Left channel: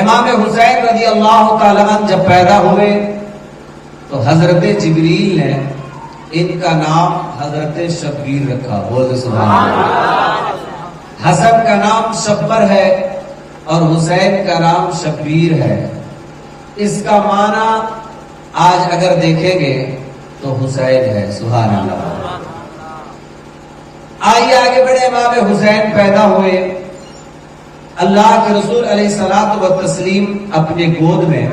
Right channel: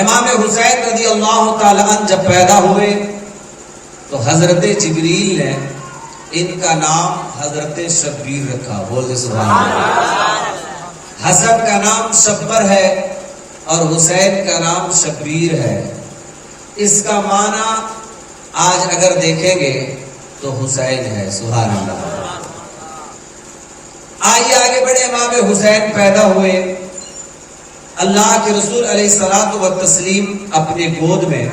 امام حسین رضی اللہ تعالیٰ عنہ جب پیدا ہوئے تو حضرت جبریل نے ان کا نام حضرت شبیر رکھا. بول سبحان اللہ. حسن کا نام شبر ہے اور حسین کا نام شبیر ہے. اس کا معنی آج اگر دیکھیں گے تو حسین ہے. سبحان اللہ. آئیے آگے بڑھے. امام حسین پیدا ہوئے. اللہ کے رسول علیہ الصلوۃ والتسلیم اپنے گود میں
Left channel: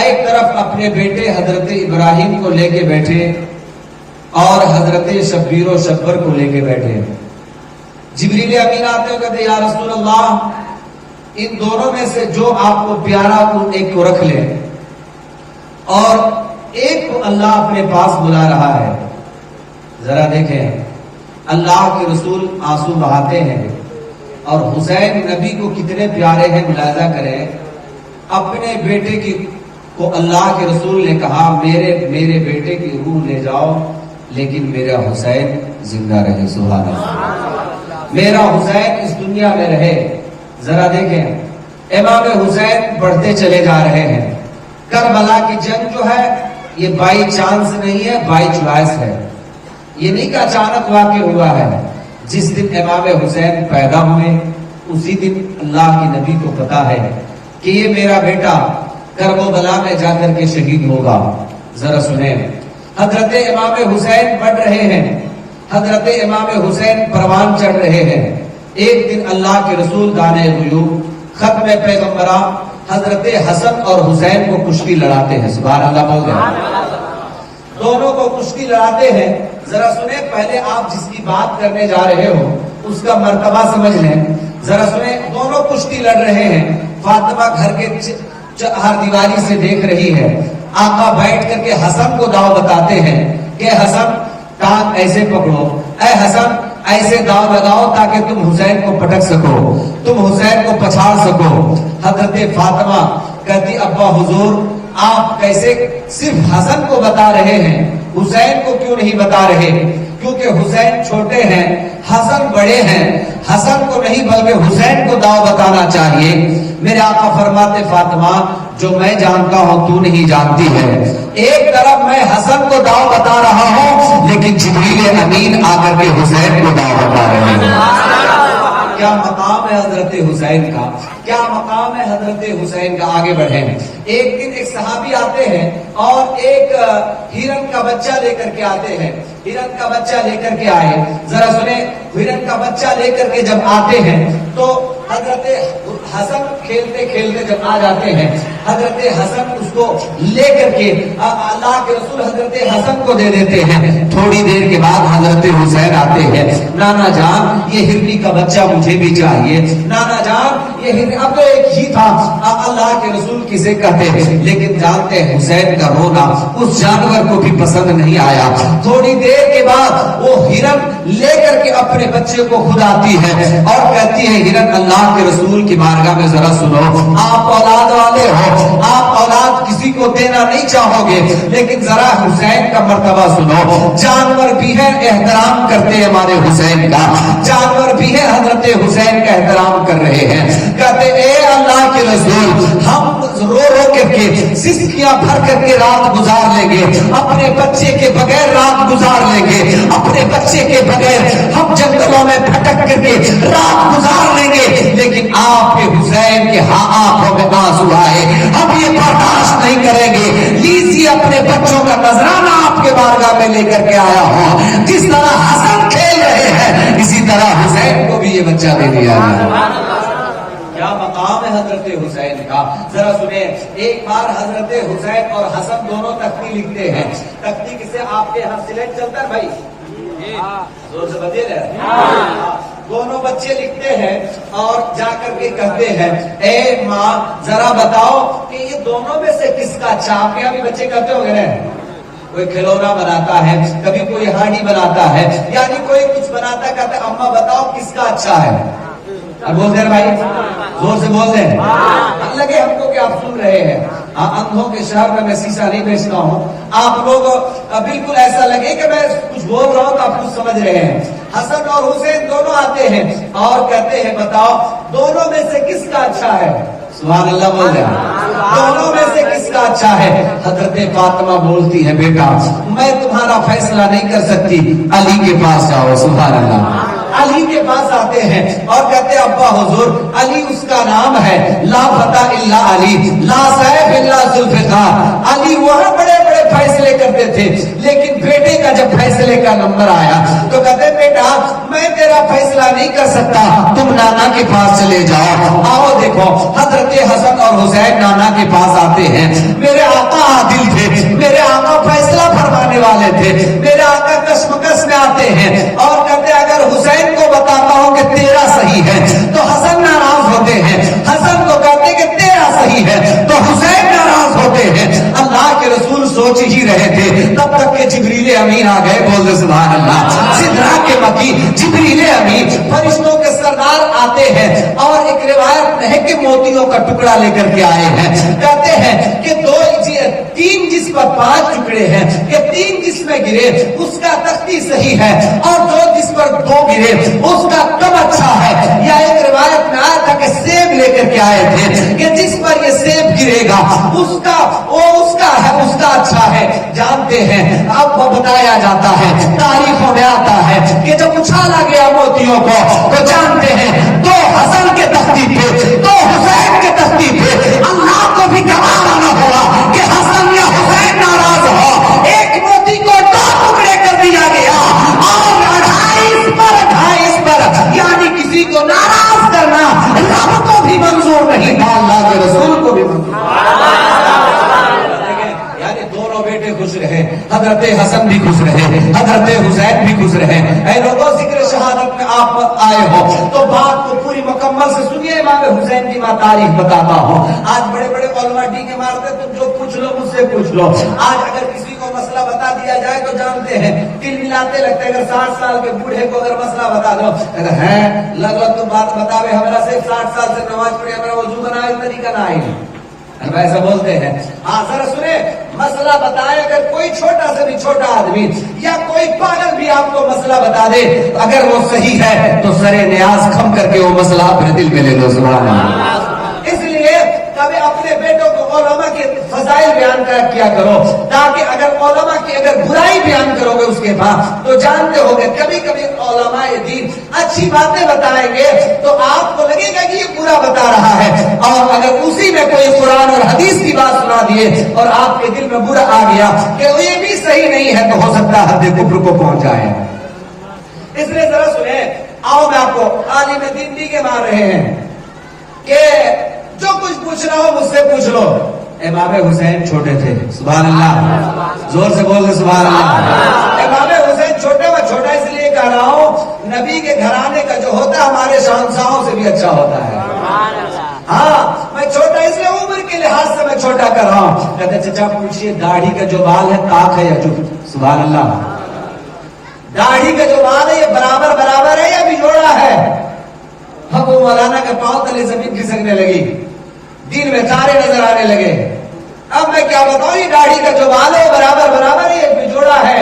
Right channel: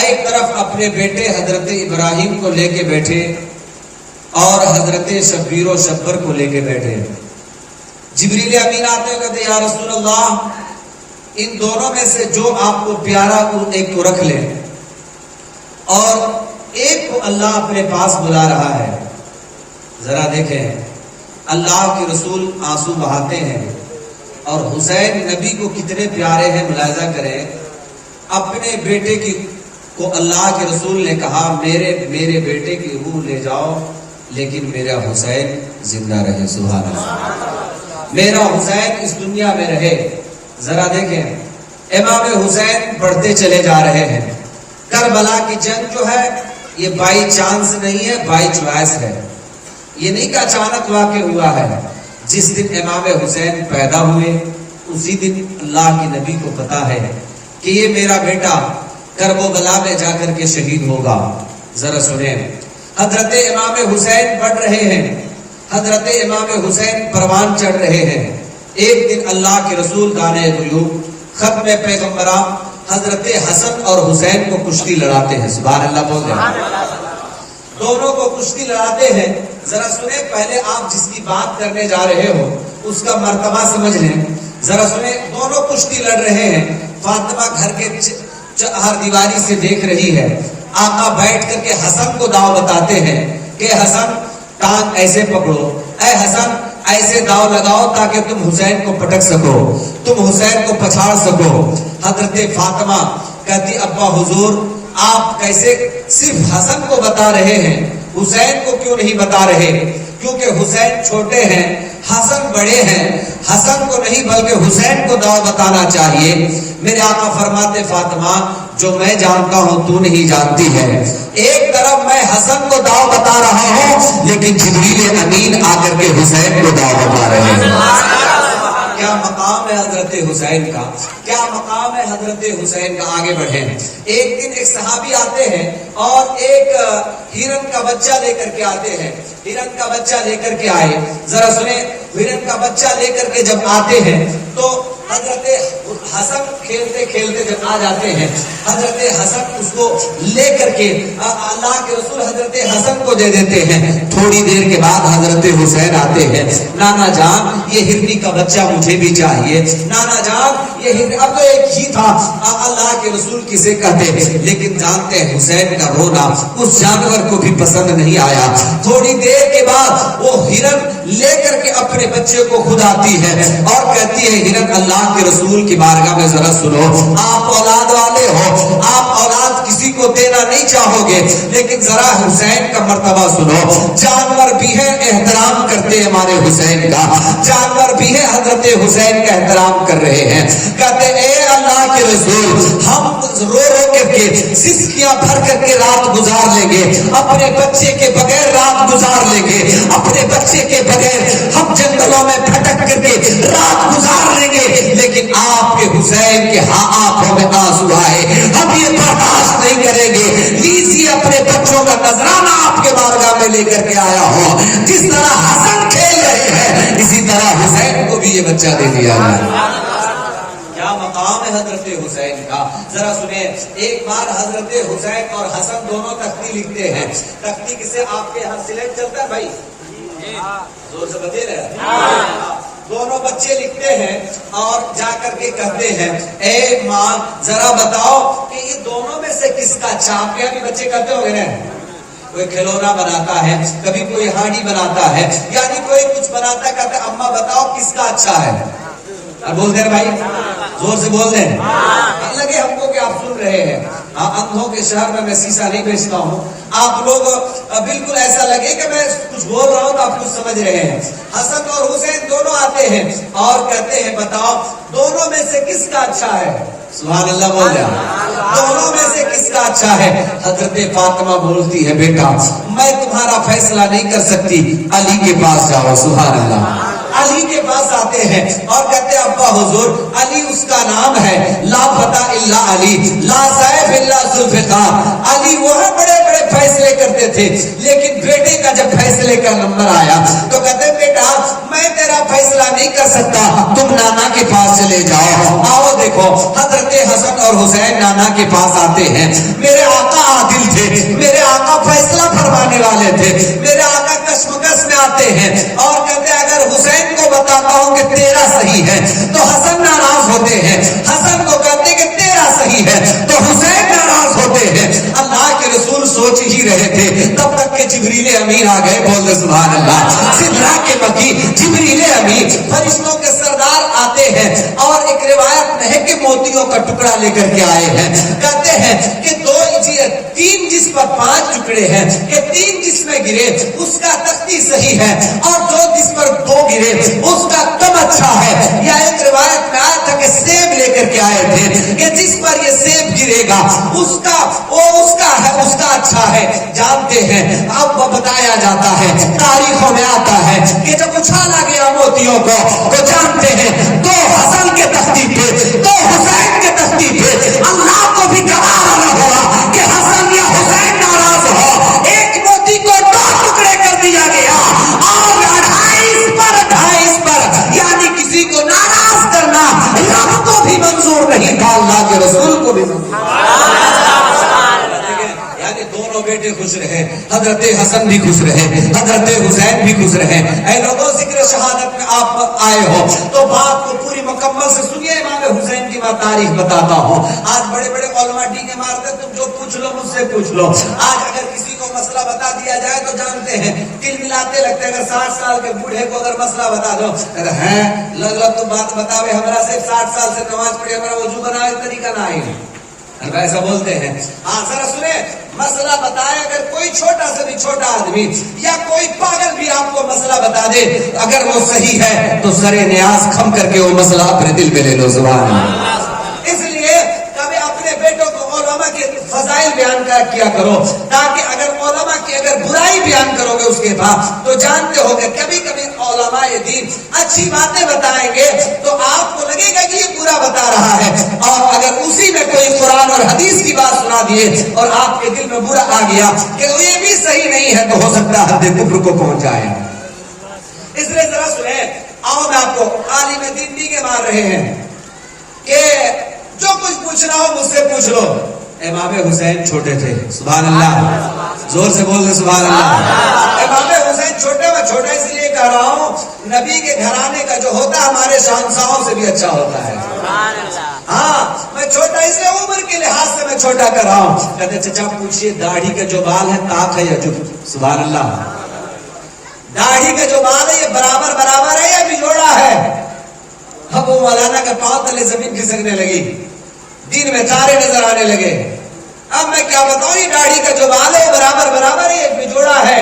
ایک طرف اپنے بیٹے حضرت ابراہیم کو لے کے بیٹھے اور حضرت شبیر و شبر کو لے کے بیٹھے. جبریل امین آتے ہیں کہتے یا رسول اللہ ان دونوں میں سے جو آپ کو پیارا ایک کو رکھ لیں. اور ایک کو اللہ اپنے پاس بلا رہا ہے. ذرا دیکھیں اللہ کے رسول آنسو بہاتے ہیں اور حسین نبی کو کتنے پیارے ہیں. ملاحظہ کریں اپنے بیٹے کی کو اللہ کے رسول نے کہا میرے بیٹے کی روح لے جاؤ لیکن میرا حسین زندہ رہے. سبحان اللہ. میرا حسین اس دنیا میں رہے. ذرا دیکھیں امام حسین بڑھتے چلے جا رہے ہیں. کربلا کی جنگ جو ہے یہ بائی چانس نہیں ہے, بائی چوائس ہے. یہ نہیں کہ اچانک واقع ہوا ہے. جس دن امام حسین پیدا ہوئے اسی دن اللہ کے نبی کو پتا ہے کہ یہ میرا بیٹا کربلا میں جا کر کے شہید ہوگا. ذرا سنیں حضرت امام حسین بڑھ رہے ہیں. حضرت امام حسین پروان چڑھ رہے ہیں. ایک دن اللہ کے رسول دانے غیوب ختم پیغمبران حضرت حسن اور حسین کو کشتی لڑاتے ہیں. سبحان اللہ. بولتے ہیں دونوں کو کشتی لڑاتے ہیں. ذرا سنیں پہلے آپ جس کی بات کرنے جا رہے ہو اس کا مرتبہ سمجھ لیں. ذرا سنیں دونوں کشتی لڑ رہے ہیں. فاطمہ گھر کے ہر دیواری سے دیکھ رہی ہے. آقا بیٹھ کر کے حسن کو داؤ بتاتے ہیں کہ حسن ٹانگ ایسے پکڑو, اے حسن ایسے داؤ لگاؤ تاکہ تم حسین کو پٹک سکو, تم حسین کو پچھاڑ سکو. حضرت فاطمہ کہتی ابا حضور آپ کیسے صرف حسن کو بتا رہے ہیں, حسین کو کیوں نہیں بتا رہے؟ کیونکہ حسین چھوٹے ہیں, حسن بڑے ہیں. حسن کو نہیں بلکہ حسین کو داؤ بتانا چاہیے. میرے آقا فرماتے فاطمہ جو میں جانتا ہوں تو نہیں جانتی ہے. ایک طرف میں حسن کو داؤ بتا رہا ہوں لیکن جبریل امین آ کر کے حسین کو داؤ بتا رہے ہیں. کیا مقام ہے حضرت حسین کا, کیا مقام ہے حضرت حسین کا. آگے بڑھیں. ایک دن ایک صحابی آتے ہیں اور ایک ہرن کا بچہ لے کر کے آتے ہیں. ہرن کا بچہ لے کر کے آئے. ذرا سنیں ہرن کا بچہ لے کر کے جب آتے ہیں تو حضرت حسن کھیلتے کھیلتے جب آ جاتے ہیں حضرت حسن اس کو لے کر کے اللہ کے رسول حضرت حسن کو دے دیتے ہیں. تھوڑی دیر کے بعد حضرت حسین آتے ہیں. نانا جان یہ ہرنی کا بچہ مجھے بھی چاہیے. نانا جان یہ ہرنی, اب تو ایک ہی تھا اللہ کے رسول کسے کہتے ہیں لیکن جانتے ہیں حسین کا رونا اس جانور کو بھی پسند نہیں آیا. تھوڑی دیر کے بعد وہ ہرن لے کر کے اپنے بچے کو خود آتی ہے اور کہتی ہے ہرن اللہ کے رسول کی بارگاہ میں ذرا سنو, آپ اولاد والے ہو, آپ اولاد کسی کو دینا نہیں چاہو گے لیکن ذرا حسین کا مرتبہ سنو. جانور بھی ہے احترام کرتے ہیں ہمارے حسین کا, جانور بھی ہے حضرت حسین کا احترام کر رہے ہیں. کہتے اے اللہ کے رسول ہم رو رو کر کے سسکیاں بھر کر کے رات گزار لیں گے, اپنے بچے کے بغیر رات گزار لیں گے, اپنے بچے کے بغیر ہم جنگلوں میں بھٹک کر کے رات گزار لیں گے لیکن آپ کے حسین کے آنکھوں میں آنسو آئے ہم یہ برداشت نہیں کریں گے. لیجیے اپنے بچوں کا نذرانہ آپ کے بارگاہ میں لے کر کے آیا ہوں. جس طرح حسن کھیل رہے ہیں اسی طرح حسین کو بھی یہ بچہ دے دیا ہے. کیا مقام ہے حضرت حسین کا. ذرا سنیں ایک بار حضرت حسین اور حسن دونوں تختی لکھتے ہیں. تختی کسے آپ کے یہاں سلیٹ چلتا ہے بھائی, زور سے بتے رہے. دونوں بچے لکھتے ہیں اور جا کر کے کہتے ہیں اے ماں ذرا بتاؤ کہ یہ دونوں میں سے کس کا اچھا. آپ کے یہاں بھی بچے کہتے ہو گے نا, کوئی کھلونا بناتا ہے, کبھی کوئی ہانڈی بناتا ہے, یعنی کوئی کچھ بناتا ہے, کہتے ہیں اماں بتاؤ کس کا اچھا ہے. بول دیں بھائی, زور سے بول دیں. لگے ہم کو کہ آپ سن رہے ہیں. اندھوں کے شہر میں سیسا نہیں بیچتا ہوں. آپ لوگ بالکل ایسا لگے کہ میں کچھ بول رہا ہوں تو آپ کچھ سمجھ رہے ہیں. حسن اور حسین دونوں آتے ہیں اور کہتے ہیں بتاؤ دونوں میں سے کس کا اچھا ہے؟ سبحان اللہ بول رہے ہیں. دونوں میں سے کس کا اچھا ہے؟ حضرت فاطمہ بولتی ہے بیٹا میں تمہارا فیصلہ نہیں کر سکتی، علی کے پاس جاؤ. سبحان اللہ. علی کے پاس آتے ہیں اور کہتے ہیں ابا حضور علی اس کا نام ہے، لا فتح الا علی، لا سیف الا ذوالفقار. علی وہاں بڑے بڑے فیصلے کرتے تھے لیکن بیٹے کا جب فیصلے کا نمبر آیا تو کہتے بیٹا میں تیرا فیصلہ نہیں کر سکتا، تم نانا کے پاس چلے جاؤ. آؤ دیکھو حضرت حسن اور حسین نانا کے پاس آتے ہیں. میرے آقا عادل تھے، میرے آقا فیصلہ فرمانے والے تھے، میرے آقا کشمکش میں آتے ہیں اور کہتے اگر حسین کو بتاتا ہوں کہ تیرا صحیح ہے تو حسن ناراض ہوتے ہیں، حسن کو کہتے کہ تیرا صحیح ہے تو حسین ناراض ہوتے ہیں. اللہ کے رسول سوچ ہی رہے تھے تب تک کہ جبریل امین آ گئے. بول دے سبحان اللہ. سدرا کے مکی جبریل امین فرشتوں کے سردار آتے ہیں اور ایک روایت ہے کہ موتیوں کا ٹکڑا لے کر کے آئے ہیں. کہتے ہیں کہ تین جس پر 5 ٹکڑے ہیں کہ 3 جس میں گرے اس کا تختی صحیح ہے اور جو جس پر 2 گرے اس کا کم اچھا ہے. یا ایک روایت میں آیا تھا کہ سیب لے کر کے آئے تھے کہ جس پر یہ سیب گرے گا اس کا اچھا ہے. جانتے ہیں اب بتایا جاتا ہے تاریخوں میں آتا ہے کہ جب اچھالا گیا موتیوں کو تو جانتے ہیں 2 حسن کے تختی تھے 2 حسین کے تختی تھے. اللہ کو بھی گوارا نہ ہوا کہ حسن یا حسین ناراض ہو. ایک موتی کو 2 ٹکڑے کر دیا گیا اور 28 پر یعنی کسی کو ناراض کرنا رب کو بھی منظور نہیں تھا، اللہ کے رسول کو بھی منظور. یعنی دونوں بیٹے خوش رہے، حضرت حسن بھی خوش رہے، حضرت حسین بھی خوش رہے. اے لوگوں ذکر شہادت میں آپ آئے ہو تو بات کو پوری مکمل سے سنیے. امام حسین کی میں تاریخ بتاتا ہوں. آج بڑے بڑے علماء ڈیگے مارتے تم جو پوچھ لو مجھ سے پوچھ لو. آج اگر کسی کو مسئلہ بتا دیا جائے تو جانتے ہیں دل ملاتے لگتے ہیں. اگر 60 سال کے بوڑھے کو اگر مسئلہ بتا دو ہیں لگ تو بات بتاوے ہمارا صرف 60 سال سے نماز پڑھے ہمارا وضو بنائے اس طریقہ نہ آئی ایسا بولتے ہیں. ہاں ذرا سنیں مسئلہ بتائے اگر کوئی چھوٹا سے بھی چھوٹا آدمی یا کوئی پاگل بھی آپ کو مسئلہ بتا دے اگر وہ صحیح ہے تو سرے نیاز کھم کر کے وہ مسئلہ اپنے دل میں لے لو. سبحان اللہ. اس لیے کبھی اپنے بیٹوں کو علماء کے فضائل بیان کیا کرو تاکہ اگر علماء کی اگر برائی بیان کرو گے اس کے بعد تو جانتے ہو گے کبھی کبھی علماء دین اچھی باتیں بتائیں گے تو آپ کو لگے گا کہ یہ برا بتا رہا ہے اور اگر اسی میں کوئی قرآن اور حدیث کی بات سنا دیے اور آپ کے دل میں برا آ گیا کہ یہ بھی صحیح نہیں ہے تو ہو سکتا ہے حد کفر کو پہنچ جائے. اس لیے ذرا سنیں آؤ میں آپ کو عالم دین ڈیگے مار رہے ہیں کہ جو کچھ پوچھنا ہو مجھ سے پوچھ لو. امام حسین چھوٹے تھے. سبحان اللہ. زور سے بول دے سبحان اللہ. امام حسین چھوٹے میں چھوٹا اس لیے کہہ رہا ہوں نبی کے گھرانے کا جو ہوتا ہے ہمارے شہنشاہوں سے بھی اچھا ہوتا ہے. ہاں میں چھوٹا اس لیے عمر کے لحاظ سے میں چھوٹا کر رہا ہوں. کہتے چچا پوچھیے داڑھی کا جو بال ہے طاق ہے یا جب؟ سبحان اللہ. داڑھی کا جو بال ہے یہ برابر ہے یا بجوڑا ہے؟ اب وہ مولانا کا پاؤں تلے زمین کھسکنے لگی، دن میں تارے نظر آنے لگے. اب میں کیا بتاؤں یہ داڑھی کا جو بال ہے برابر ہے یہ بجوڑا ہے.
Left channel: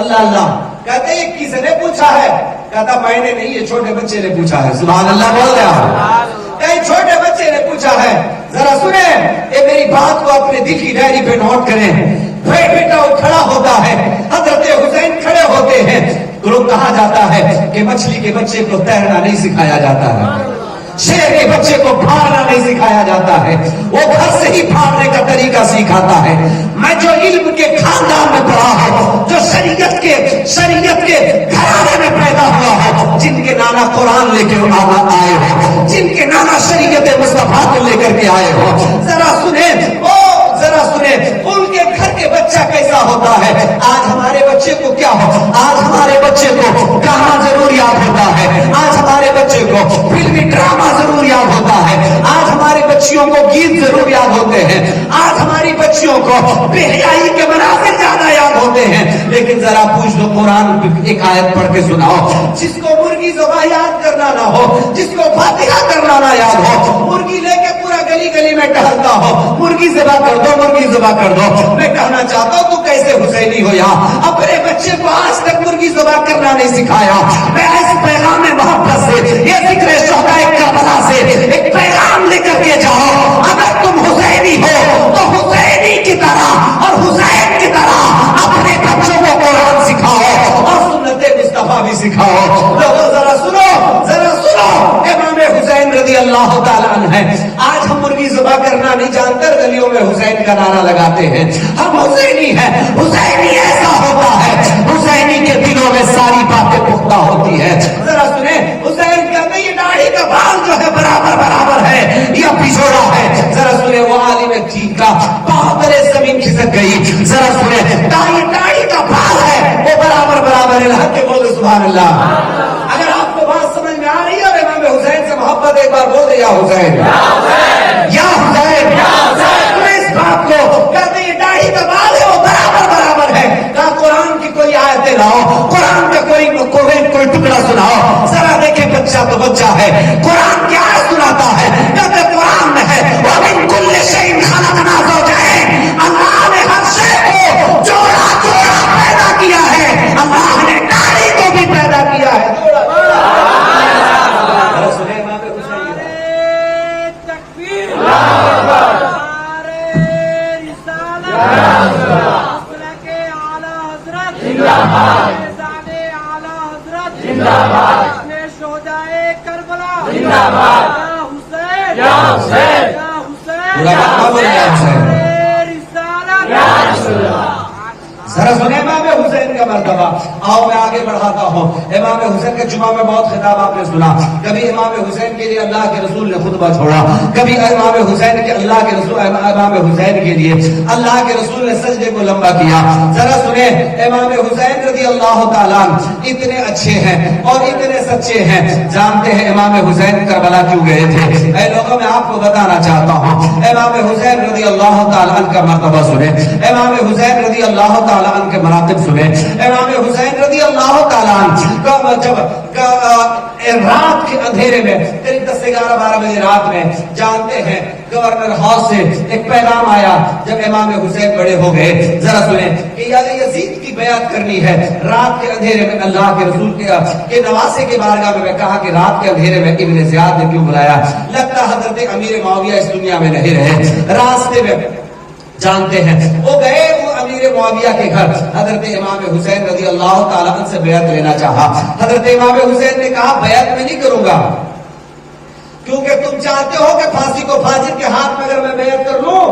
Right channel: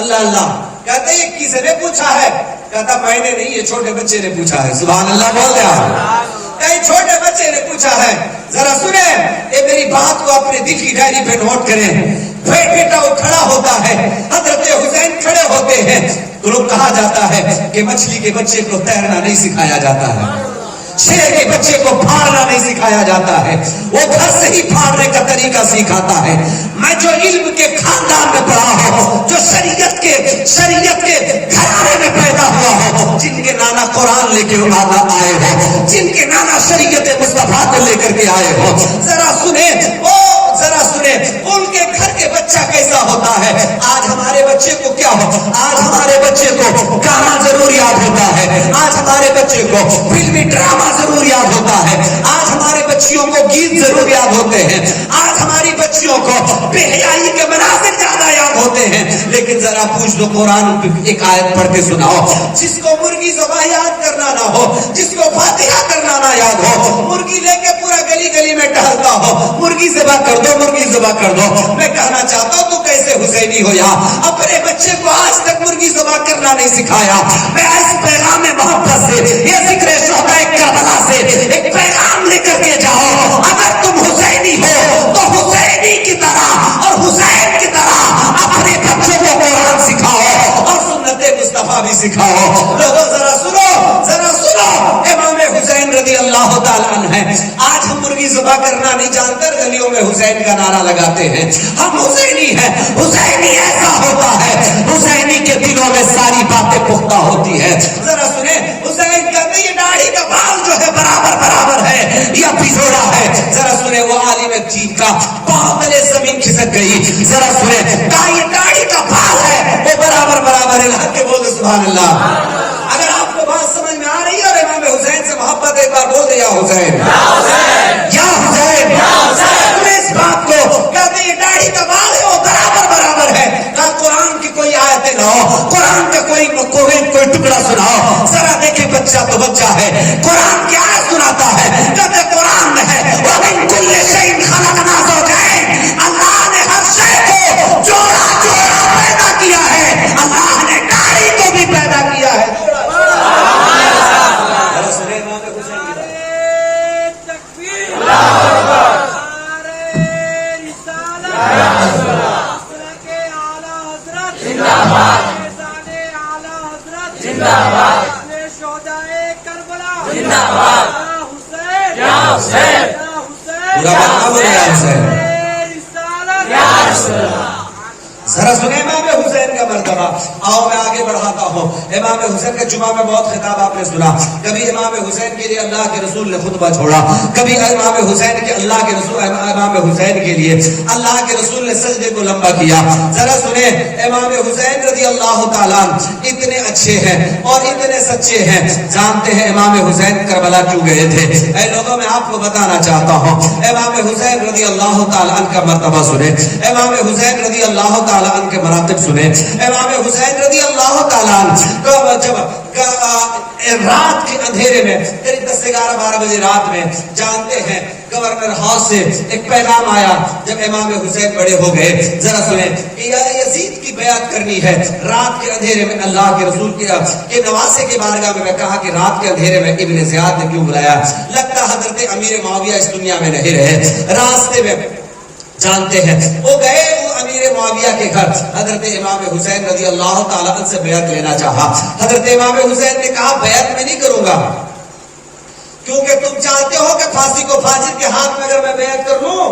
اللہ اللہ. کہتے یہ کس نے پوچھا ہے؟ کہتا میں نے نہیں یہ چھوٹے بچے نے پوچھا ہے. سبحان اللہ بول رہا. کہیں چھوٹے بچے نے پوچھا ہے. ذرا سنیں یہ میری بات کو اپنے دل کی ڈائری پہ نوٹ کریں. بیٹا وہ کھڑا ہوتا ہے، حضرت حسین کھڑے ہوتے ہیں تو کہا جاتا ہے کہ مچھلی کے بچے کو تیرنا نہیں سکھایا جاتا ہے، شیر کے بچے کو پھاڑنا نہیں سکھایا جاتا ہے، وہ گھر سے ہی پھاڑنے کا طریقہ سکھاتا ہے. میں جو علم کے خاندان میں پڑھا ہوں، جو شریعت کے گھرانے میں پیدا ہوا ہوں، جن کے نانا قرآن لے کے آئے ہو، جن کے نانا شریعت مصطفیٰ لے کر کے آئے ہو، ذرا سنیں ان کے گھر کے بچہ کیسا ہوتا ہے. آج ہمارے بچے کو کیا ہو؟ آج ہمارے بچے کو گانا ضرور یاد ہوتا ہے، آج ہمارے بچے کو فلمی ڈرامہ ضرور یاد ہوتا ہے، آج ہمارے بچیوں کو گیت ضرور یاد ہوتے ہیں، آج ہماری بچیوں کو بے حیائی کے مناظر زیادہ یاد ہوتے ہیں. لیکن ذرا پوچھ لو قرآن ایک آیت پڑھ کے سناؤ جس کو مرغی ذبح یاد کرنا نہ ہو، جس کو فاتحہ کرنا نہ یاد ہو، مرغی لے کے پورا گلی گلی میں ٹہلتا ہوں، مرغی ذبح کر دو، مرغی ذبح کر دو۔ میں کہنا چاہتا ہوں تو کیسے حسینی ہو یہاں؟ اپنے بچے کو آج تک مرغی ذبح کرنا نہیں سکھایا۔ میں اس پیغام محبت سے، یہ ذکر شہدائے کربلا سے ایک پیغام لے کر کے جاؤ، اگر تم حسینی ہو تو حسینی کی طرح اور حسین کی طرح اپنے بچوں کو قرآن سکھاؤ اور سنت مصطفیٰ بھی سکھاؤ۔ لوگوں ذرا سنو، ذرا سنو، امام حسین رضی اللہ تعالیٰ عنہ ہے۔ آج ہم مرغی ذبح کرنا نہیں جانتے، گلیوں میں حسین کا نعرہ لگاتے ہیں، ہم حسینی ہیں۔ حسینی ایسا ہوتا ہے، حسینی کے دلوں میں ساری باتیں پختہ ہوتی ہے۔ ذرا سنیں، حسین کہتے ہیں یہ داڑھی کا بال جو ہے برابر برابر ہے یا بھگوڑا ہے۔ ذرا سنیں، وہ عالم ٹھیک کا پاؤں تلے زمین کھسک گئی۔ ذرا سنیں، یہ داڑھی کا بال ہے وہ برابر برابر ہے۔ ہم کے بولے سبحان اللہ۔ اگر آپ کو بات سمجھ میں آ رہی ہے اور امام حسین سے محبت، ایک بار بول دے یا حسین، یا حسین، یا حسین، یا حسین۔ اس بات کو کہتے ہیں یہ داڑھی کا بال ہے وہ برابر برابر ہے۔ کہا قرآن کی کوئی آیتیں لاؤ، قرآن کا کوئی ٹکڑا سناؤ۔ ذرا دیکھیں، بچہ تو بچہ ہے، قرآن کی آیت سناتا ہے، کہتے قرآن میں ہے وَمِن كُلِّ شَيْءٍ خَلَقْنَا زَوْجَيْنِ۔ اللہ نے ہر شے کو جوڑا جوڑا پیدا کیا ہے، اللہ نے داڑھی کو بھی پیدا کیا ہے۔ ذرا سنیں امام حسین کا مرتبہ۔ آؤ میں آگے بڑھاتا ہوں۔ امام حسین کے جمعہ میں بہت خطاب آپ نے سنا، کبھی امام حسین کے لیے اللہ کے رسول نے خطبہ چھوڑا، کبھی امام حسین کے اللہ کے رسول امام حسین کے لیے اللہ کے رسول نے سجدے کو لمبا کیا۔ ذرا سنیں، امام حسین رضی اللہ تعالیٰ اتنے اچھے ہیں اور اتنے سچے ہیں، جانتے ہیں امام حسین کربلا کیوں گئے تھے؟ اے لوگوں، میں آپ کو بتانا چاہتا ہوں، امام حسین رضی اللہ تعالیٰ عنہ کا مرتبہ سنیں، امام حسین رضی اللہ تعالیٰ عنہ کے مناقب سنیں۔ امام حسین رضی اللہ تعالیٰ عنہ جب رات کے اندھیرے میں قریب 10-11-12 بجے رات میں، جانتے ہیں گورنر ہاؤس سے ایک پیغام آیا جب امام حسین بڑے ہو گئے۔ ذرا سنیں کہ یزید کی بیعت کرنی ہے رات کے اندھیرے میں۔ اللہ کے رسول کے نواسے کے بارگاہ میں کہا کہ رات کے اندھیرے میں ابن زیاد نے کیوں بلایا؟ لگتا حضرت امیر معاویہ اس دنیا میں نہیں رہے۔ راستے میں جانتے ہیں وہ گئے، وہ امیر معاویہ کے گھر حضرت امام حسین رضی اللہ تعالیٰ عنہ سے بیعت لینا چاہا۔ حضرت امام حسین نے کہا بیعت میں نہیں کروں گا، کیونکہ تم چاہتے ہو کہ پھانسی کو فاجر کے ہاتھ میں اگر میں بیعت کر لوں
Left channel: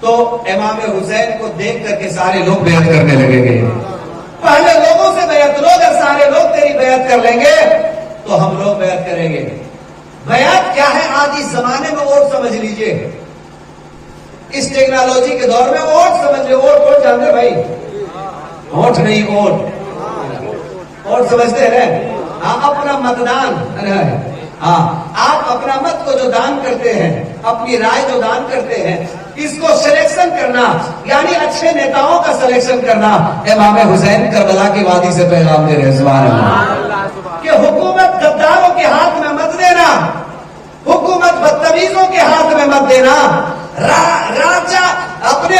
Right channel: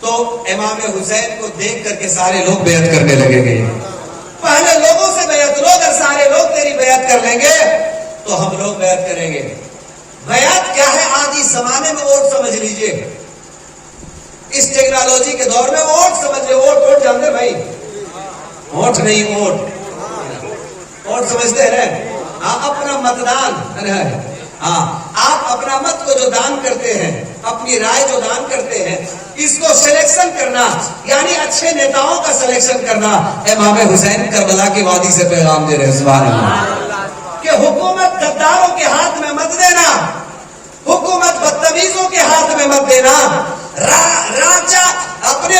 تو امام حسین کو دیکھ کر کے سارے لوگ بیعت کرنے لگیں گے۔ پہلے لوگوں سے بیعت لو، اگر سارے لوگ تیری بیعت کر لیں گے تو ہم لوگ بیعت کریں گے۔ بیعت کیا ہے؟ آج اس زمانے میں ووٹ سمجھ لیجئے، اس ٹیکنالوجی کے دور میں ووٹ سمجھ لے۔ ووٹ جانتے بھائی؟ ووٹ نہیں، ووٹ سمجھتے ہیں؟ ہاں، اپنا متدان۔ ہاں، آپ اپنا مت کو جو دان کرتے ہیں، اپنی رائے جو دان کرتے ہیں، اس کو سلیکشن کرنا، یعنی اچھے نیتاؤں کا سلیکشن کرنا۔ امام حسین کربلا کی وادی سے پیغام دے رہے سبحان اللہ کہ حکومت غداروں کے ہاتھ میں مت دینا، حکومت بدتمیزوں کے ہاتھ میں مت دینا، راجا اپنے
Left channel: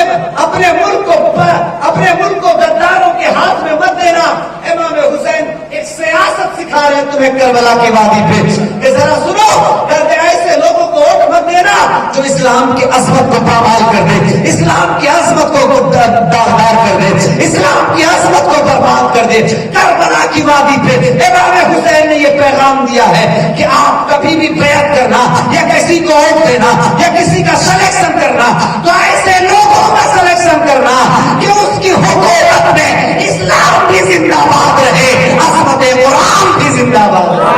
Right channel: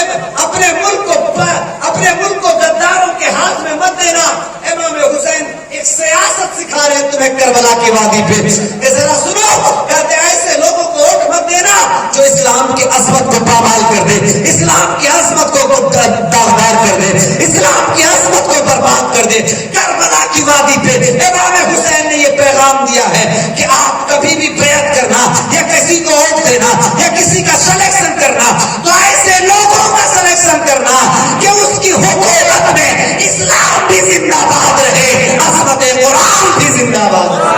ملک کو غداروں کے ہاتھ میں مت دینا۔ امام حسین ایک سیاست سکھا رہے ہیں تمہیں کربلا کی وادی پہ کہ ذرا سنو، کہتے ایسے لوگوں کو ووٹ مت دینا جو اسلام کی عظمت کو پامال کر دے، اسلام کی عظمت کو داغدار کر دے، اسلام کی عظمت کو برباد کر دے۔ کربلا کی وادی پہ امام حسین نے یہ پیغام دیا ہے کہ آپ کبھی بھی بیعت کرنا یا کسی کو ووٹ دینا یا کسی کا سلیکشن کرنا تو ایسے لوگوں کا سلیکشن کرنا کہ اس کی حکومت میں اسلام بھی زندہ باد رہے، عظمت قرآن بھی زندہ باد رہے۔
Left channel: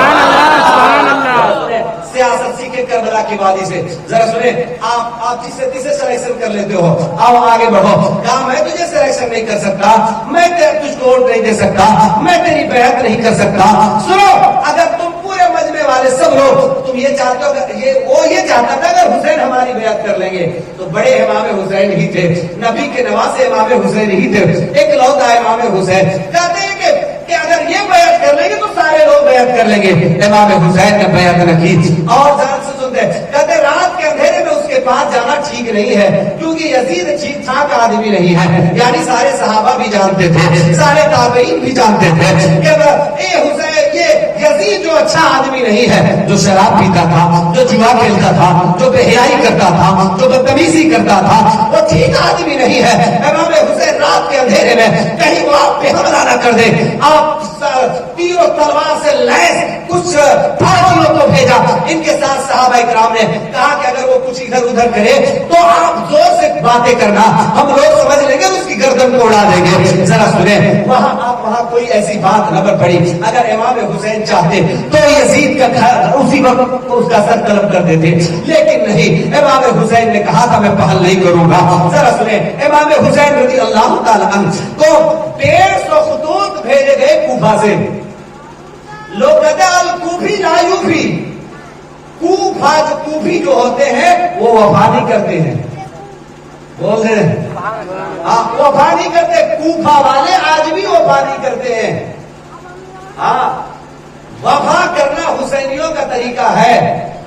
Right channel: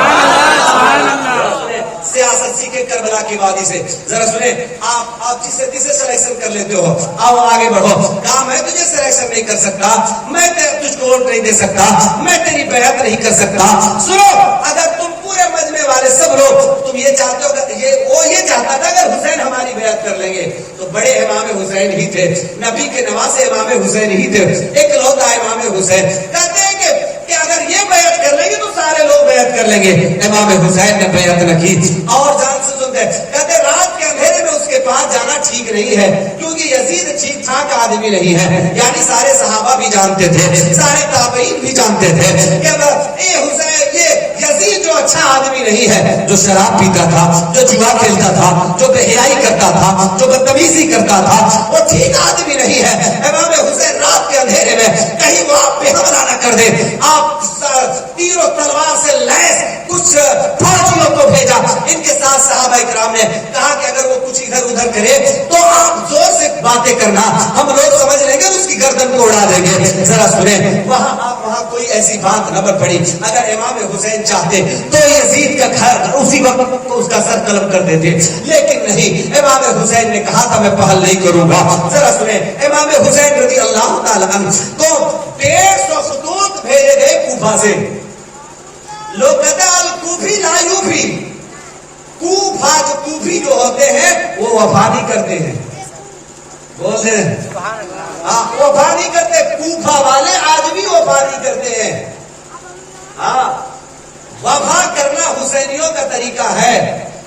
سیاست سیکھے کربلا کی وادی سے۔ ذرا سنیں، آپ کسے سلیکشن کر لیتے ہو؟ آؤ آگے بڑھو۔ کہا میں تجھے سلیکشن نہیں کر سکتا، میں تجھ کو ووٹ نہیں دے سکتا، میں تیری بیعت نہیں کر سکتا۔ سنو، اگر تم پورے مجمع والے سب لوگ تم یہ چاہتے ہو کہ وہ یہ چاہتا تھا اگر حسین ہماری بیعت کر لیں گے تو بڑے امام حسین ہی تھے، نبی کے نواسے امام حسین ہی تھے، ایک لوتا امام حسین۔ کہتے ہیں کہ اگر یہ بیعت کر لیں گے تو سارے لوگ بیعت کر لیں گے۔ امام حسین نے بیعت نہ کی اور جان سے سنتے، کہتے رات کے اندھیرے میں اس کے پاس جانا ٹھیک نہیں ہے، کیونکہ یزید ٹھیک ٹھاک آدمی نہیں ہے. یعنی سارے صحابہ بھی جانتے تھے، سارے تابعین بھی جانتے تھے کہ اے حسین، یہ یزید جو اچھا آدمی نہیں ہے، جو شراب پیتا تھا، جو جوا کھیلتا تھا، جو بے حیائی کرتا تھا، جو بدتمیزی کرتا تھا، وہ ٹھیک آدمی نہیں ہے. امام حسین رات کے اندھیرے میں کہیں وہ آپ پہ حملہ نہ کر دے، آپ تیر و تلوار سے لیس کچھ فوجیوں کو بھیجا. ان کے ساتھ صحابہ اکرام نے کہا کہ اگر وہ کچھ ادھر ادھر کرے تو آپ زور سے باتیں کرنا، ہم لوگ سمجھ لیں گے، اس کی گردن کو اڑا دیں گے. ذرا سنیں، وہاں کوئی ایسی بات نہ پڑی. اگر امام حسین چاہتے تو یزید کا اسی وقت اس کا سر طلب کر دیتے، لیکن نہیں. امام حسین نے کہا تھا میں پہل نہیں کروں گا. ذرا سنیں، امام حسین رضی اللہ تعالی عنہ کو 150 خطوط بھیجے گئے کوفہ سے. لوگ کہتے ہیں الکوفی لا یوفی، کوفی جو ہوتے ہیں وہ وفا نہیں کرتے ہیں. بول رہے ہاں، وفا نہیں کرتے. کوفہ والے آج بھی وفا نہیں کرتے ہیں. ہاں، وفا کرنا حسینیوں کا طریقہ ہے،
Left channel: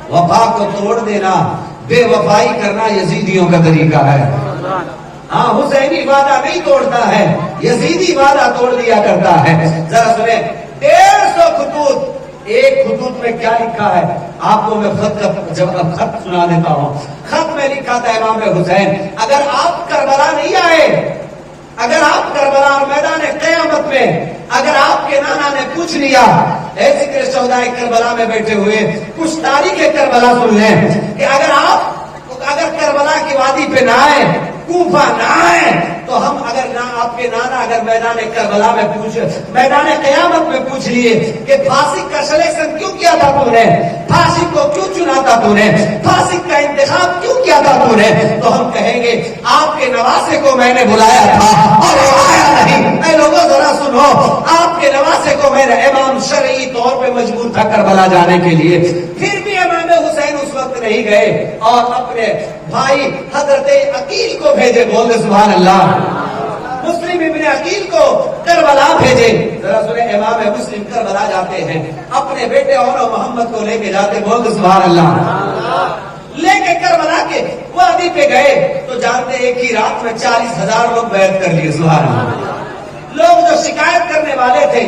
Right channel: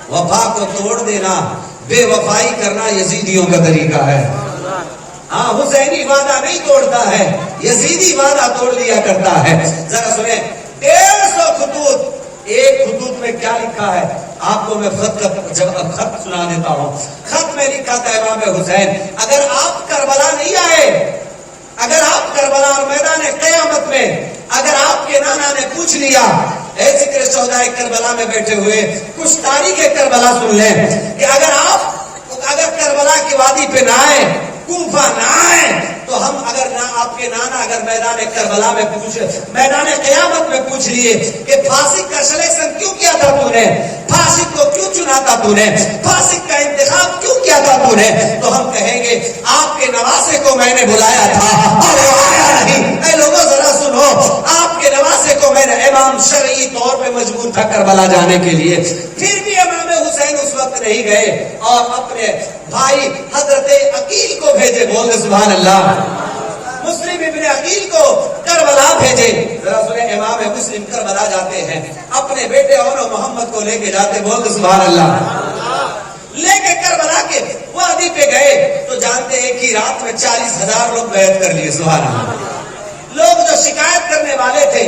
وفا کو توڑ دینا، بے وفائی کرنا یزیدیوں کا طریقہ ہے. ہاں، حسینی وعدہ نہیں توڑتا ہے، یزیدی وعدہ توڑ دیا کرتا ہے. ذرا سنیں، 150 خطوط. ایک خطوط میں کیا لکھا ہے آپ کو میں خط سنا دیتا ہوں. خط میں لکھا تھا امام حسین، اگر آپ کربلا نہیں آئے، اگر آپ کربلا اور میدان قیامت میں اگر آپ کے نانا نے پوچھ لیا، اے ذکر شہدائے کربلا میں بیٹھے ہوئے کچھ تاریخ کربلا سن لیں، کہ اگر کربلا کی وادی پہ نہ آئے، کوفہ نہ آئے، تو ہم اگر نہ آپ کے نانا اگر میدان کربلا میں میدان قیامت میں پوچھ لیے کہ فاسق کا سلیکشن کیوں کیا تھا تو نے، فاسق کو کیوں چنا تھا تو نے، فاسق کا انتخاب کیوں کیا تھا تو نے، تو ہم کہیں گے آپ کے نواسے کو میں نے بلایا تھا اور وہ آیا نہیں. اے لوگوں ذرا سنو، آپ کے نواسے کو میں نے امام شرعی طور پہ مجبور تھا کربلا جانے کے لیے، پھر بھی امام حسین اس وقت نہیں گئے اور اپنے بھائی حضرت عقیل کو بھیجے. بول دے سبحان اللہ. مسلم ابن عقیل کو کربلا بھیجے. ذرا سنیں، امام مسلم کربلا جاتے ہیں، اپنے بیٹے اور محمد کو لے کے جاتے. بول دے سبحان اللہ. لے کے کربلا کے وادی پہ گئے تو جانتے ہیں کہ رات میں 40,000 لوگ بیعت کر لیے. سبحان اللہ. لوگ جو شکایت کرنے والے تھے،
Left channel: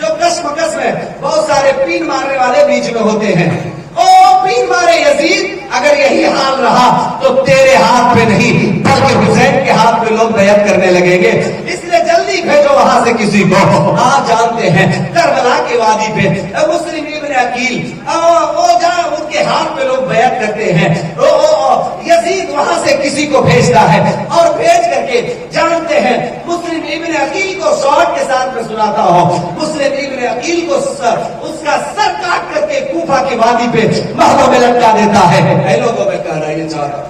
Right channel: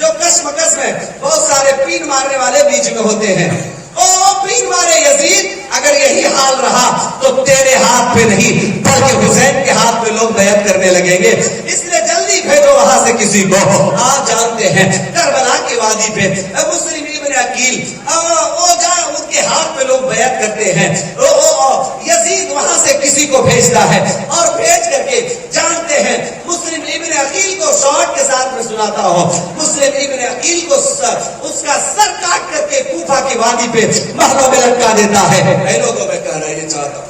جو کشمکش میں بہت سارے پین مارنے والے بیچ میں ہوتے ہیں، او پین مارے یزید، اگر یہی حال رہا تو تیرے ہاتھ پہ نہیں بلکہ حسین کے ہاتھ پہ لوگ بیعت کرنے لگیں گے، اس لیے جلدی بھیجو وہاں سے کسی کو. آپ جانتے ہیں کربلا کی وادی پہ مسلم ابن عقیل ان کے ہاتھ پہ لوگ بیعت کرتے ہیں. یزید وہاں سے کسی کو بھیجتا ہے اور بھیج کر کے جانتے ہیں مسلم ابن عقیل کو شارٹ کے ساتھ میں سناتا ہوں، مسلم ابن عقیل کو اس کا سر کاٹ کر کے کوفہ کی وادی پہ محلوں میں لٹکا دیتا ہے. اے لوگوں میں کہہ رہا یہ چاہتا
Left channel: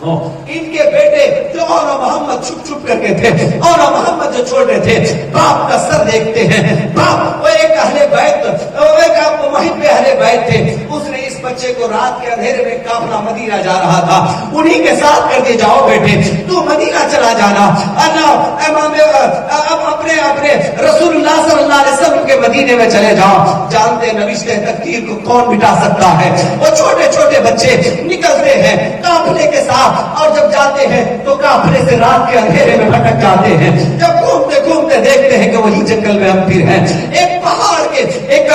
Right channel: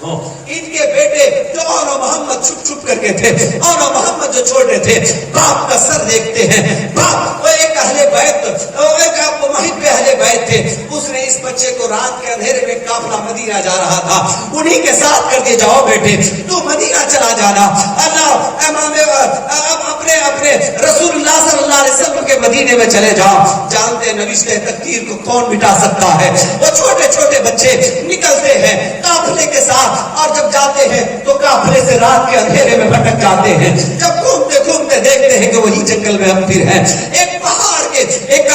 ان کے بیٹے جو اور محمد چھپ چھپ کر کے تھے، اور محمد جو چھوٹے تھے، باپ کا سر دیکھتے ہیں. باپ وہ ایک اہل بیت، ایک وہیں پہ اہل بیت تھے. اس نے اس بچے کو رات کے اندھیرے میں قافلہ مدینہ جا رہا تھا، انہی کے ساتھ کر کے جاؤ بیٹے تو مدینہ چلا جانا. اللہ امام اپنے رسول اللہ صلی اللہ علیہ وسلم کے مدینے میں چلے جاؤ. جانتے ہیں نوشتے تقدیر کو کون مٹا سکتا ہے. وہ چھوٹے چھوٹے بچے نکلتے ہیں قافلے کے ساتھ، اور جب جاتے ہیں تو قافلے سے رات کے اندھیرے میں بھٹک جاتے ہیں. جب گھومتے گھومتے دیکھتے ہیں کہ وہی جنگل میں ہم پھر ہیں. ایک پہاڑ کے ایک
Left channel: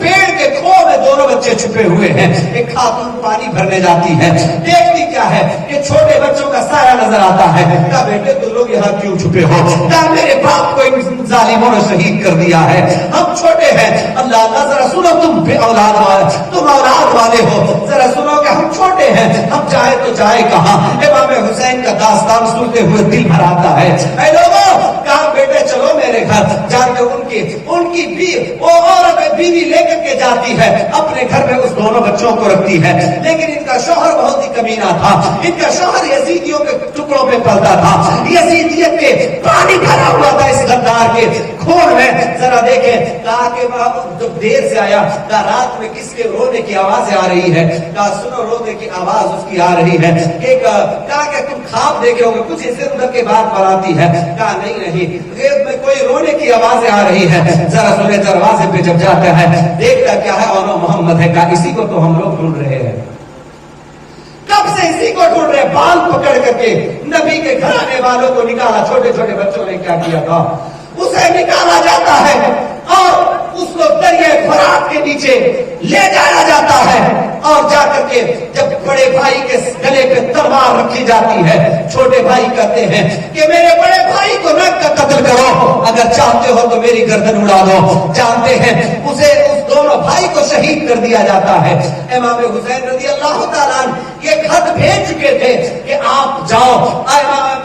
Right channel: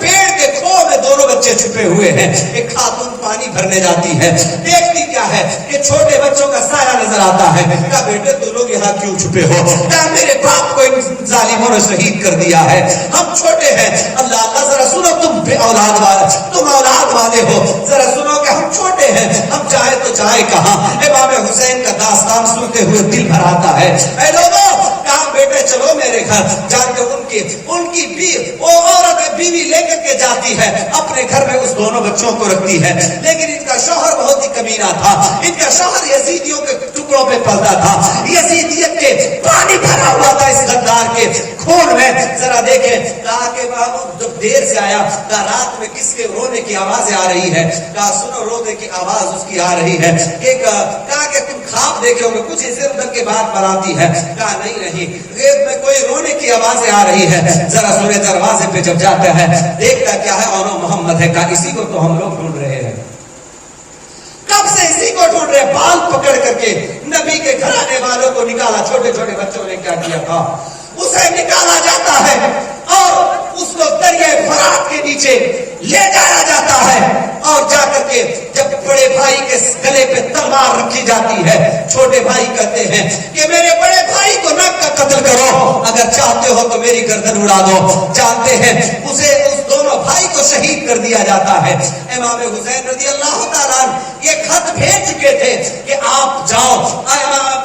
پیڑ کے کھو میں دونوں بچے چھپے ہوئے ہیں. ایک خاتون پانی بھرنے جاتی ہے، دیکھتی کیا ہے کہ چھوٹے بچوں کا سایہ نظر آتا ہے. کہا بیٹے تم لوگ یہاں کیوں چھپے ہو؟ کہا میرے باپ کو ان ظالموں نے شہید کر دیا ہے، ہم چھوٹے ہیں. اللہ اللہ ذرا سنو، تم اولاد والے ہو، ذرا سنو کہ ہم چھوٹے ہیں، ہم چاہے تو چاہے کہاں. امام حسین کا داستان سنتے ہوئے دل بھر آتا ہے. اے لوگوں، کہا بیٹے چلو میرے گھر. جاتے ان کی وہ عورت بیوی لے کر کے جاتی ہے، اپنے گھر میں اس دونوں بچوں کو رکھتی ہے. لیکن ان کا شوہر بہت ہی کمینہ تھا. ان کا شوہر یزیدیوں کے ٹکڑوں پہ پلتا تھا، یزیدیت کے پانی بھرا ہوا تھا اس غدار کے خون میں. ذرا دیکھیں، کہا کہ جب دیر سے آیا، کہا رات میں کس کے رونے کی آوازیں آ رہی ہے. کہا سنو رونے کی آواز اس کی آ رہی ہے. کہا کہ تم خواب دیکھے ہو گے، کچھ اسے ادھر کے بات پر آتی ہے. کہا نہیں، غیب میں کوئی رونے کی آوازیں آ رہی ہے. ذرا سنے، دروازے پہ جب جاتا ہے دیکھتا کیا ہے، اور محمد ہے. کہا اسی کو تو ہم لوگ ڈھونڈ رہے ہیں، کب سے اسی کو میرے بال پکڑ کر کے نبی کے گھرانے والوں کو نکالا. چھوٹے چھوٹے بچوں نے کیا کیا تھا؟ اسے نکالا جاتا ہے اور اس کو دریائے فرات کے نیچے لے جایا جاتا ہے, اور جا کر کے جب بڑے بھائی کے گلے پہ تلوار رکھی جاتی ہے, چھوٹے بھائی کہتے ہیں کہ میرے بڑے بھائی کو نہ قتل کرو, اگر چاہتے ہو تو میری گردن اڑا دو. جانتے ہیں اسے اس دونوں بھائی کو شہید کر دیا جاتا ہے. امام حسین رضی اللہ تعالیٰ یہ خط بھیج چکے تھے کہ آپ جاؤ.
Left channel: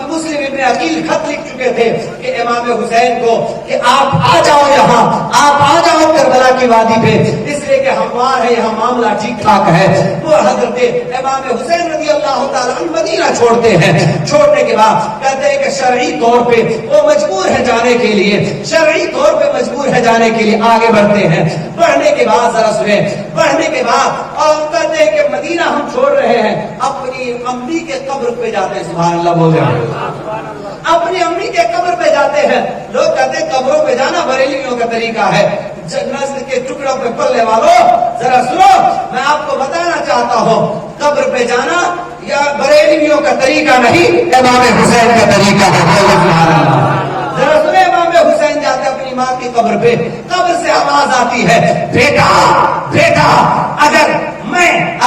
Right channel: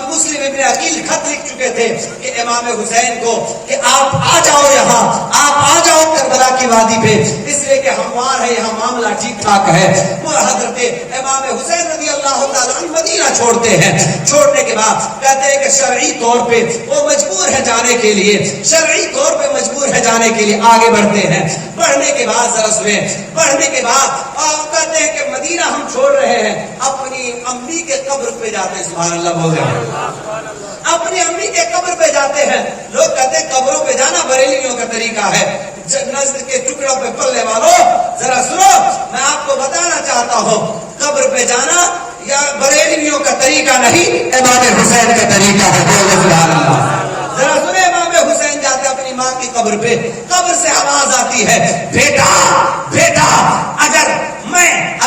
مسلم ابن عقیل خط لکھ چکے تھے کہ امام حسین کو کہ آپ آ جاؤ یہاں, آپ آ جاؤ کربلا کی وادی پہ, اس لیے کہ ہموار ہے, یہاں معاملہ ٹھیک ٹھاک ہے. وہ حضرت امام حسین رضی اللہ تعالیٰ مدینہ چھوڑتے ہیں. چھوڑنے کے بعد کہتے ہیں کہ شرعی طور پہ وہ مجبور ہے جانے کے لیے, شرعی طور پہ مجبور ہے جانے کے لیے. آگے بڑھتے ہیں. بڑھنے کے بعد ذرا سنیں, بڑھنے کے بعد اور کہتے ہیں کہ مدینہ ہم چھوڑ رہے ہیں, اپنی امی کے قبر پہ جاتے ہیں. سبحان اللہ بول رہے ہیں. اپنی امی کے قبر پہ جاتے ہیں. لوگ کہتے ہیں قبروں پہ جانا بریلیوں کا طریقہ ہے. نسل کے ٹکڑوں پہ پلنے والوں ذرا سنو, میں آپ کو بتانا چاہتا ہوں, قبر پہ جانا یا بریلیوں کا طریقہ نہیں, امام حسین کا طریقہ ہے. ذرا سنیں, امام حسین جاتے اپنی ماں کی قبر پہ, قبر سے آواز آتی ہے, بیٹا بیٹا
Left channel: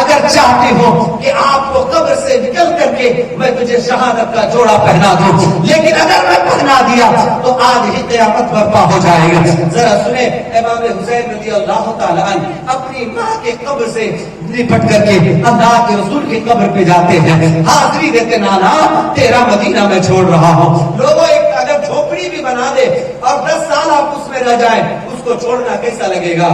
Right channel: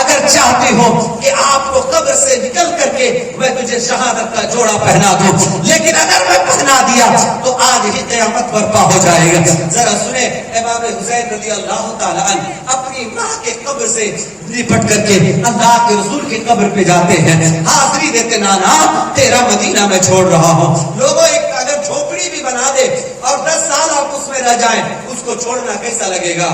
اگر چاہتے ہو کہ آپ کو قبر سے نکل کر کے میں تجھے شہادت کا جوڑا پہنا دوں, لیکن اگر میں پہنا دیا تو آج ہی قیامت برپا ہو جائے گا. ذرا سنیں, امام حسین رضی اللہ تعالیٰ عنہ اپنی ماں کے قبر سے لپٹ کر کے اللہ کے رسول کی قبر پہ جاتے ہیں. حاضری دیتے, نانا تیرا مدینہ میں چھوڑ رہا ہوں. لوگوں ایک اگر جھوپڑی بھی بنا دے اور 10 سال آپ اس میں رہ جائیں, اس کو چھوڑنا کیسا لگے گا؟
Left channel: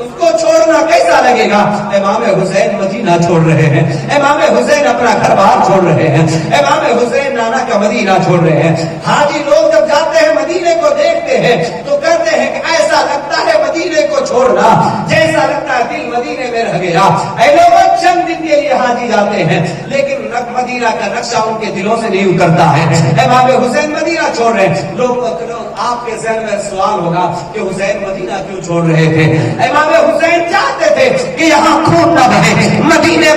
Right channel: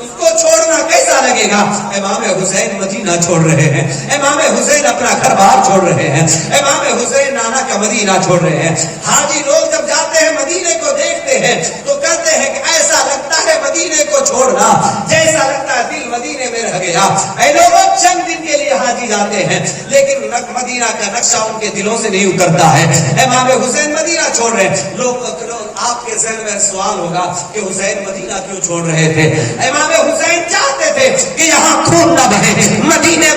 اس کو چھوڑنا کیسا لگے گا؟ امام حسین مدینہ چھوڑ رہے ہیں, امام حسین اپنا گھر بار چھوڑ رہے ہیں, امام حسین نانا کا مدینہ چھوڑ رہے ہیں. حاجی لوگ جب جاتے ہیں مدینے کو دیکھتے ہیں تو کہتے ہیں کہ ایسا لگتا ہے مدینے کو چھوڑنا جیسا لگتا ہے دل مدینے میں رہ گیا. اے لوگوں, چند دن کے لیے حاجی جاتے ہیں لیکن مدینہ کا نقشہ ان کے دلوں سے نہیں اترتا ہے. امام حسین مدینہ چھوڑ رہے ہیں. لوگ آپ کے ذہن میں سوال ہوگا کہ حسین مدینہ کیوں چھوڑ رہے تھے؟ امام حسین چاہتے تھے کہ یہاں خون نہ بہے, مدینے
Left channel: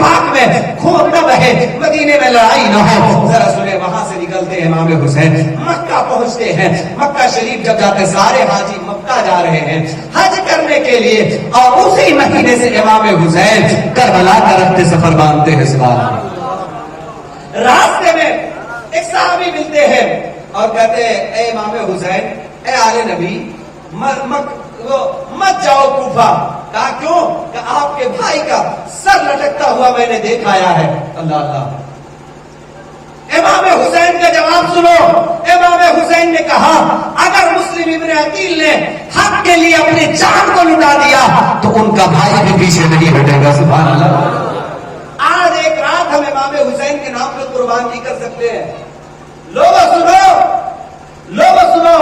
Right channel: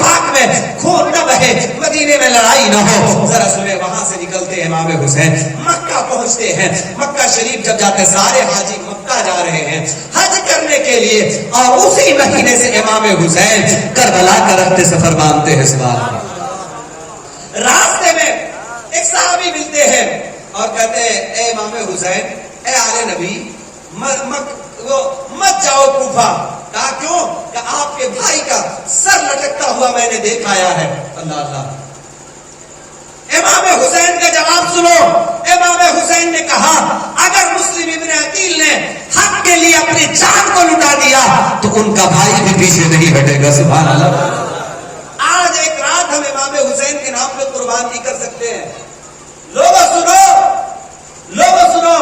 پاک میں خون نہ بہے, مدینے میں لڑائی نہ ہو. ذرا سنیں, وہاں سے نکلتے ہیں امام حسین, مکہ پہنچتے ہیں. مکہ شریف جب جاتے ہیں, سارے حاجی مکہ جا رہے ہیں حج کرنے کے لیے, اور اسی مہینے سے امام حسین کربلا کا رخت سفر باندھتے ہیں. سبحان اللہ. راستے میں ایک صحابی ملتے ہیں اور کہتے ہیں, اے امام حسین, اے آل نبی, مت جاؤ کوفہ. کہا کیوں؟ کہ آپ کے بھائی کا سر لٹکتا ہوا میں نے دیکھ آیا ہے. اللہ اللہ. امام حسین کا جواب سنو. امام حسین نے کہا, اگر مسلم ابن عقیل نے حق کے لیے اپنی جان کو لٹا دیا تو ان کا بھائی بھی پیچھے نہیں ہٹے گا. سبحان اللہ. آج ایک رات ہم امام حسین کے نام پہ قربان نہیں کر سکتے ہیں. لوگوں سنو,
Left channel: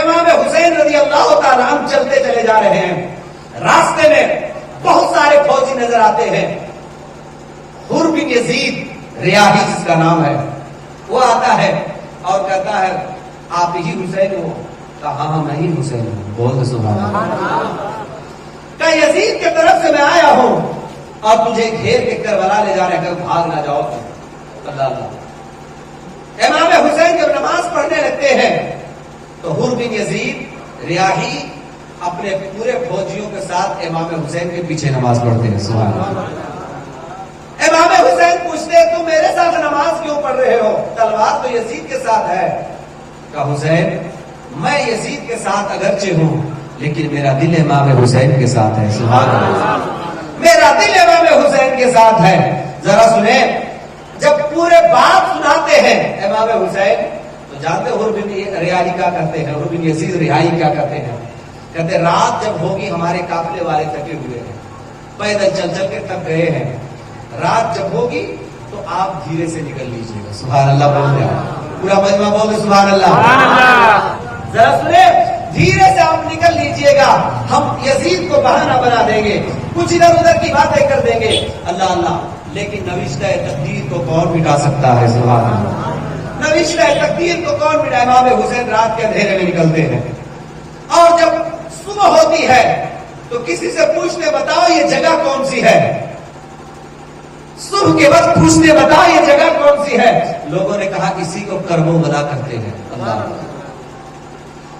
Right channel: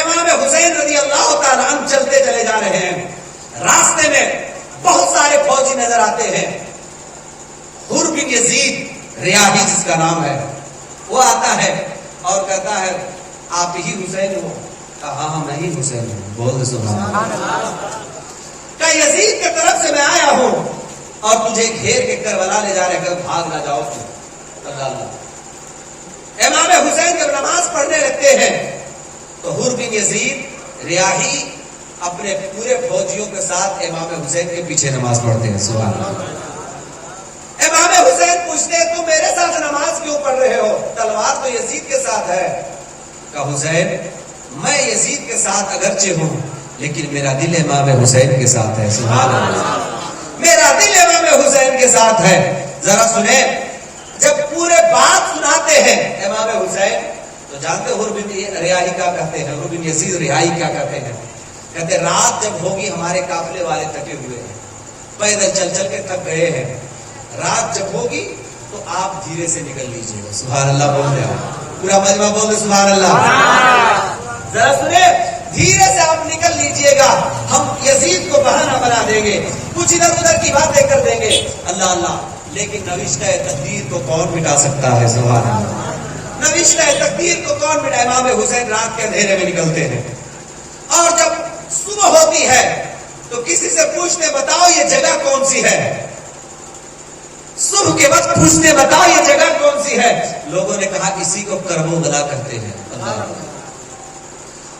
امام حسین رضی اللہ تعالیٰ عنہ چلتے چلے جا رہے ہیں. راستے میں بہت سارے فوجی نظر آتے ہیں. حر بن یزید ریاحی جس کا نام ہے, وہ آتا ہے اور کہتا ہے, آپ ہی حسین ہو؟ کہا ہاں میں ہی حسین ہوں. بہت سبحان اللہ. کہ یزید کی طرف سے میں آیا ہوں اور تجھے گھیر کے کربلا لے جا رہے, اگر بھاگ نہ جاؤ. اللہ اللہ. امام حسین جب نماز پڑھنے لگتے ہیں تو حر بن یزید ریاحی اپنے پورے فوجیوں کے ساتھ امام حسین کے پیچھے نماز پڑھتے ہیں. سبحان اللہ. امام حسین پوچھتے ہیں, تم میرے ساتھ نماز کیوں پڑھ رہے ہو؟ تلوار تو یزید کے ساتھ ہے. کہ حسین, میں یزید کے ساتھ اگرچہ ہوں لیکن میرا دل امام حسین کے ساتھ ہے. سبحان اللہ. میرا دل امام حسین کے ساتھ ہے. ذرا سنیں, جب پورے بات سناتے ہیں امام حسین تو جانتے حر بن ریاحی کیا کہتے ہیں, حر بن یزید ریاحی کیا کہتے ہیں؟ کہتے رات جب ہوگی, ہمارے قافلے والے تھکے ہوئے ہیں, پیدل چل چل کے تھک گئے ہیں, رات جب ہوگی تو آپ دھیرے سے نکل لیجیے. سبحان اللہ بولتے ہیں. پورا مجمع بولتے سبحان اللہ. ذرا سنیں, دھیرے سے آپ نکل لیجیے گا, ہم یزید کو بہانہ بنا دیں گے, کچھ ادھر ادھر کی باتیں کر دیں گے. اللہ اللہ. لیکن نوشتہ تقدیر کو کون مٹا سکتا ہے؟ سبحان اللہ. نوشتہ تقدیر کو کون مٹا؟ امام حسین رات کے اندھیرے میں نکلتے ہیں اور جب صبح ہوتی ہے تو کسی سے پوچھتے, بتاؤ یہ جگہ کون سی ہے؟ صبح کے وقت پوچھتے بتا یہ جگہ کون سی ہے؟ لوگوں نے کہا اسی کو کربلا کہتے ہیں.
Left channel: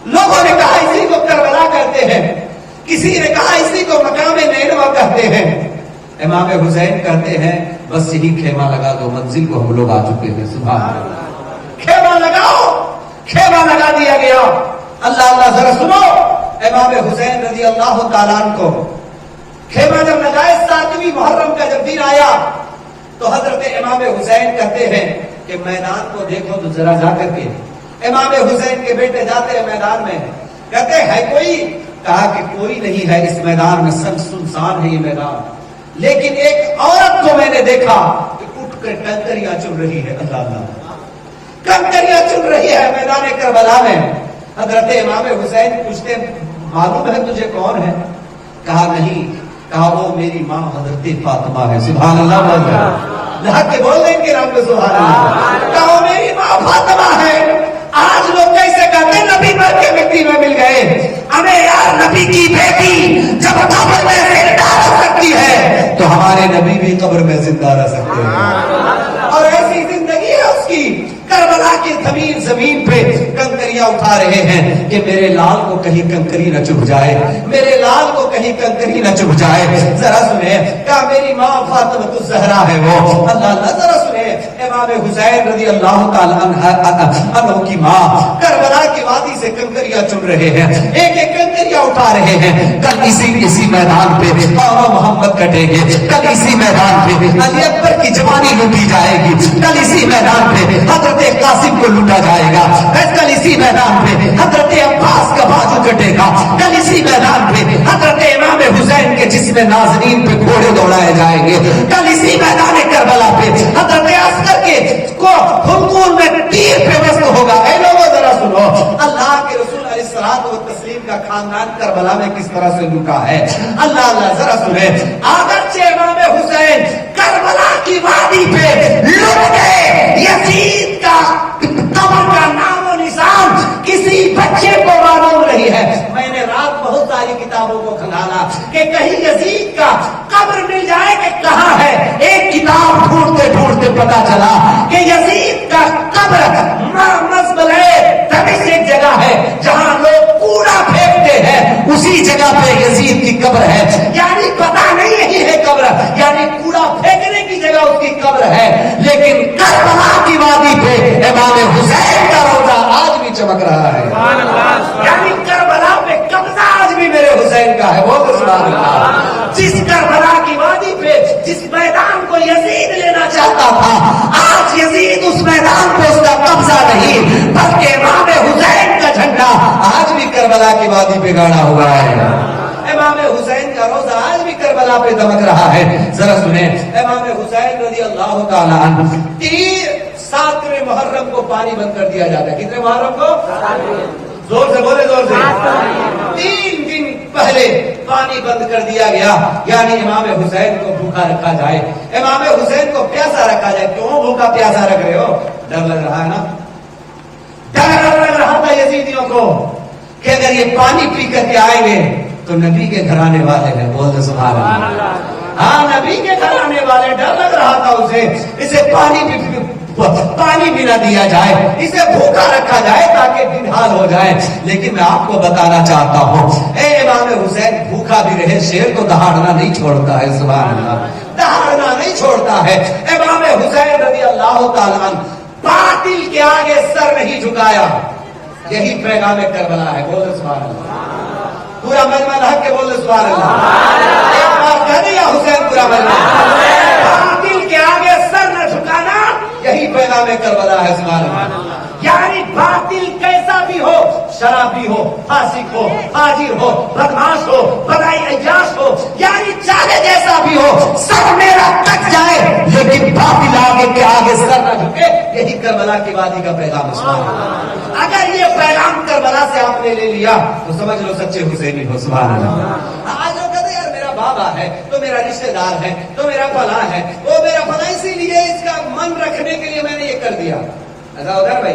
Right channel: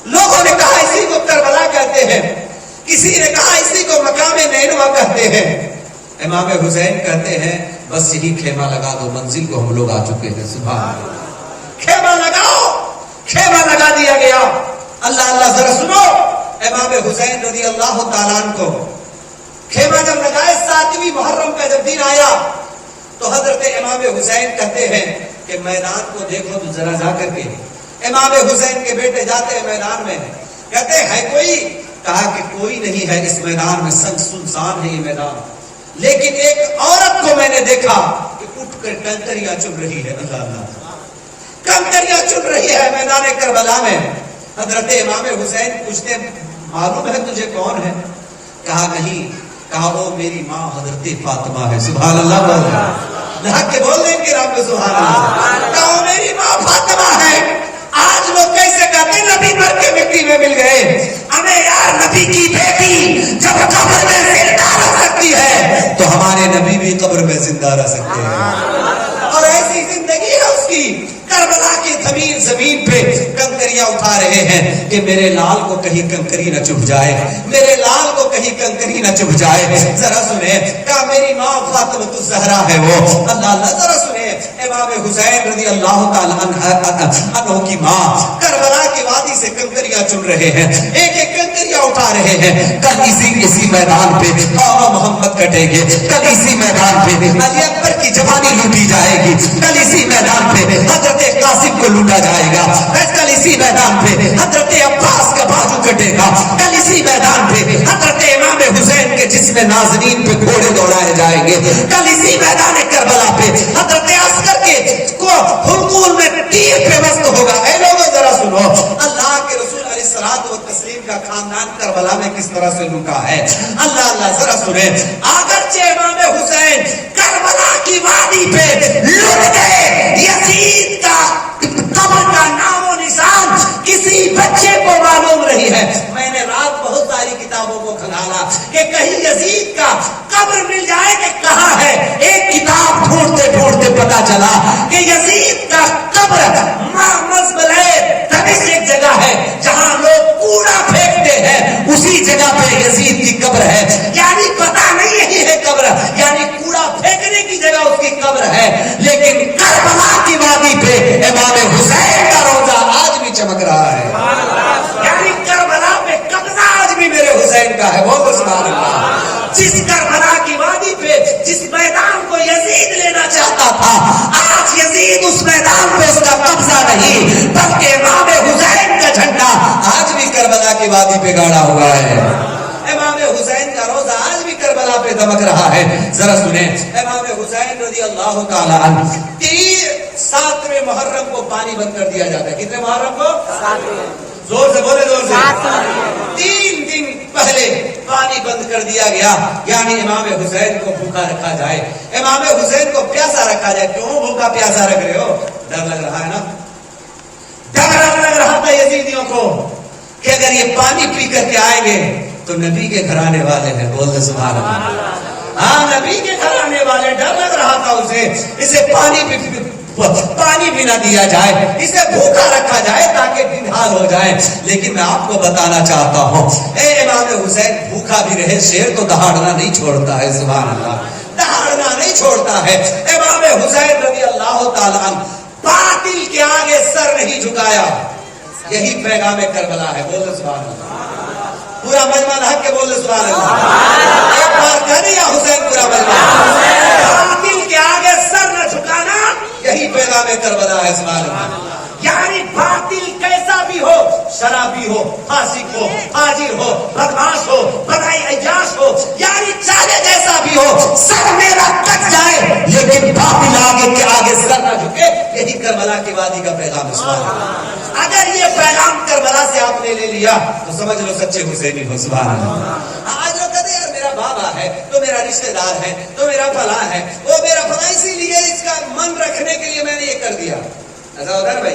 لوگوں نے کہا اسی کو کربلا کہتے ہیں. کسی نے کہا اسی کو مقام نینوا کہتے ہیں. امام حسین کہتے ہیں بس یہی خیمہ لگا دو، منزل کو ہم لوگ آ چکے ہیں. سبحان اللہ. خیمہ لگاؤ، خیمہ لگا دیا گیا. اللہ اللہ ذرا سنو، امام حسین رضی اللہ تعالیٰ عنہ کو خیمہ جب لگائے 7ویں محرم کا جب دن آیا تو حضرت امام حسین کہتے ہیں کہ میدان کو دیکھو تو ذرا جا کر کے. امام حسین کے بیٹے جاتے ہیں میدان میں، کہتے ہیں کوئی؟ کہا کہ کوئی نہیں ہے اس میدان میں، سنسان ہے یہ میدان. لیکن ایک عورت کو میں نے دیکھا کہ اٹھ کر کنکریاں چن رہی ہے. اللہ اللہ، کنکریاں چن رہی ہے میدان کربلا میں. حضرت امام حسین پوچھتے معلوم ہے تجھے کون ہے؟ کہا نہیں. کہا وہ میری ماں حضرت فاطمہ ہے. سبحان اللہ. لہا کے بول دیں کہ رب سبحان اللہ. کہا میری ماں فاطمہ ہے. آج لوگ کیسے کہتے ہیں نبی مر کے مٹی میں مل گئے. ہمیں یار نبی کی بیٹی جب قبر میں زندہ رہ سکتی ہے تو ہمارے نبی بھی قبر میں زندہ رہ سکتے ہیں. اور ایسی زندگی ہے اس کی. کربلا کی زمین زمین پہ کنکریاں اٹھا رہے ہیں کہ میرے لال کو کہیں کنکری نہ چبھ جائے، میرے لال کو کہیں کنکری نہ چبھ جائے. ذرا سنیں، کہا میری ماں فاطمہ الزہرا ہے وہ. اللہ اللہ ذرا سنیں، امام حسین رضی اللہ تعالیٰ عنہ کی ماں کربلا کی وادی سے کنکریاں چن رہے ہیں، ایک ایک کنکریاں اٹھا رہے ہیں. کل اسی میدان پہ محمد کٹے گے، کل اسی میدان پہ علی اکبر کی جوانی لوٹی جائے گی، کل اسی میدان پہ حضرت قاسم کو لوٹا جائے گا، کل اسی میدان پہ حضرت عباس کا بازو کٹے گا، کل اسی میدان پہ حضرت امام حسین کے جسم نازنین پہ گھوڑے دوڑائے جائیں گے، کل اسی میدان کربلا پہ حضرت عسکر کے حلقوم میں تیر پہ وزن ہوگا. اے لوگوں ذرا سنو، اللہ کے رسول علیہ الصلوۃ والتسلیم کا خاندان کربلا میں کس طرح سے لوٹا ہے. اللہ اللہ ذرا سنیں، اگرچہ امام حسین کربلا کی وادی پہ لٹ گئے، یزید کا قبر کا نام و نشان کسی بچے کو معلوم نہیں ہے. میں نے رات بہت ساری کتابوں کو کھنگالا کہ کہیں یزید کا قبر مل جائے کہ کہاں ہے. ایک کتاب ڈھونڈتے ڈھونڈتے پتا چلا کہ یزید کا قبر مزبلے دمشق ایک جگہ ہے جہاں لوگ کوڑا پھینکتے ہیں، اسی جگہ پہ یزید کی قبر ہے. یعنی پتا نہیں یہی ہے قبر، یعنی کوڑا پھینکنے کی جگہ اس کی قبر ہے. لیکن کربلا کی وادی پہ امام حسین کا روزہ آج بھی چمک رہا ہے. یعنی کربلا پہ قبضہ آج بھی میرے حسین کا ہے. وہ سبحان اللہ. جس کربلا کی وادی پہ جس میدان کو یزید لینا چاہتا تھا، آج یزید اس میدان پہ اس کا قبضہ نہیں بلکہ امام حسین کا جھنڈا آج بھی کربلا کی وادی پہ گاڑا ہوا ہے. امام حسین کا روزہ آج بھی کربلا پہ دمک رہا ہے. ذرا سنیں، امام حسین رضی اللہ تعالیٰ عنہ 7ویں محرم کو پانی بند کر دیا جاتا ہے. کتنے محرم کو؟ زور سے بولے، زور سے. 3 دن پہلے پانی بند کر دیا گیا، یعنی امام حسین کو بھوکا رکھا جائے، امام حسین کو پیاسا رکھا جائے. کیوں بھوکا پیاسا رکھ رہے ہو؟ ڈر لگ رہا ہے نا. ڈر لگ رہا تھا یزیدیوں کو کہ اگر یہ پانی پی کر کے آئیں گے تو نبی کے گھرانے والے ہیں. بولتے سبحان اللہ. ہاں نبی کے گھرانے والے. ڈر لگ رہا تھا اسے پانی بھی نہ دیا جائے، اسے بھوکا رکھا جائے تاکہ بنحال ہو جائے. لیکن میں آپ کو بتانا چاہتا ہوں، اے امام حسین بھوکا بھی رہے، شیر کو دہاڑنا نہیں چھوڑتا ہے. سبحان اللہ. دہاڑنا نہیں چھوڑتا ہے. امام حسین رضی اللہ تعالیٰ عنہ باطل کے آگے سر نہیں جھکایا. یہی پیغام کربلا ہے. بولے سبحان اللہ. پورا مجمع حق کے بولے سبحان اللہ. ایک بار کہہ دیا حسین پورا مجمع. باطل کے آگے سر نہ جھکانا یہی پیغام کربلا ہے. سبحان اللہ. یعنی باطل کیسا بھی ہو، شرابی ہو، فاسق ہو، فاجر ہو، بدماش ہو، بدائی عیاش ہو، یعنی چاہے جیسا بھی ہو، سر میرا کٹ جائے لیکن باطل آگے کے آگے سر نہ جھکے. یہی کربلا کی وادی کا پیغام ہے. سبحان اللہ. اگر یہ پیغام کربلا سے آپ نے لے لیا تو سمجھ لو سچے حسینی ہو. سبحان اللہ. آج لوگ کہتے ہیں یار میرا بابا ہے تو میرا رشتے دار ہے تو میرا فلاں ہے، وہ میرا فلاں اسی لیے اس کا من رکھنے کے لیے میں نے یہ کر دیا. ایسا ہوتا ہے بھائی؟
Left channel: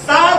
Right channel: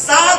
7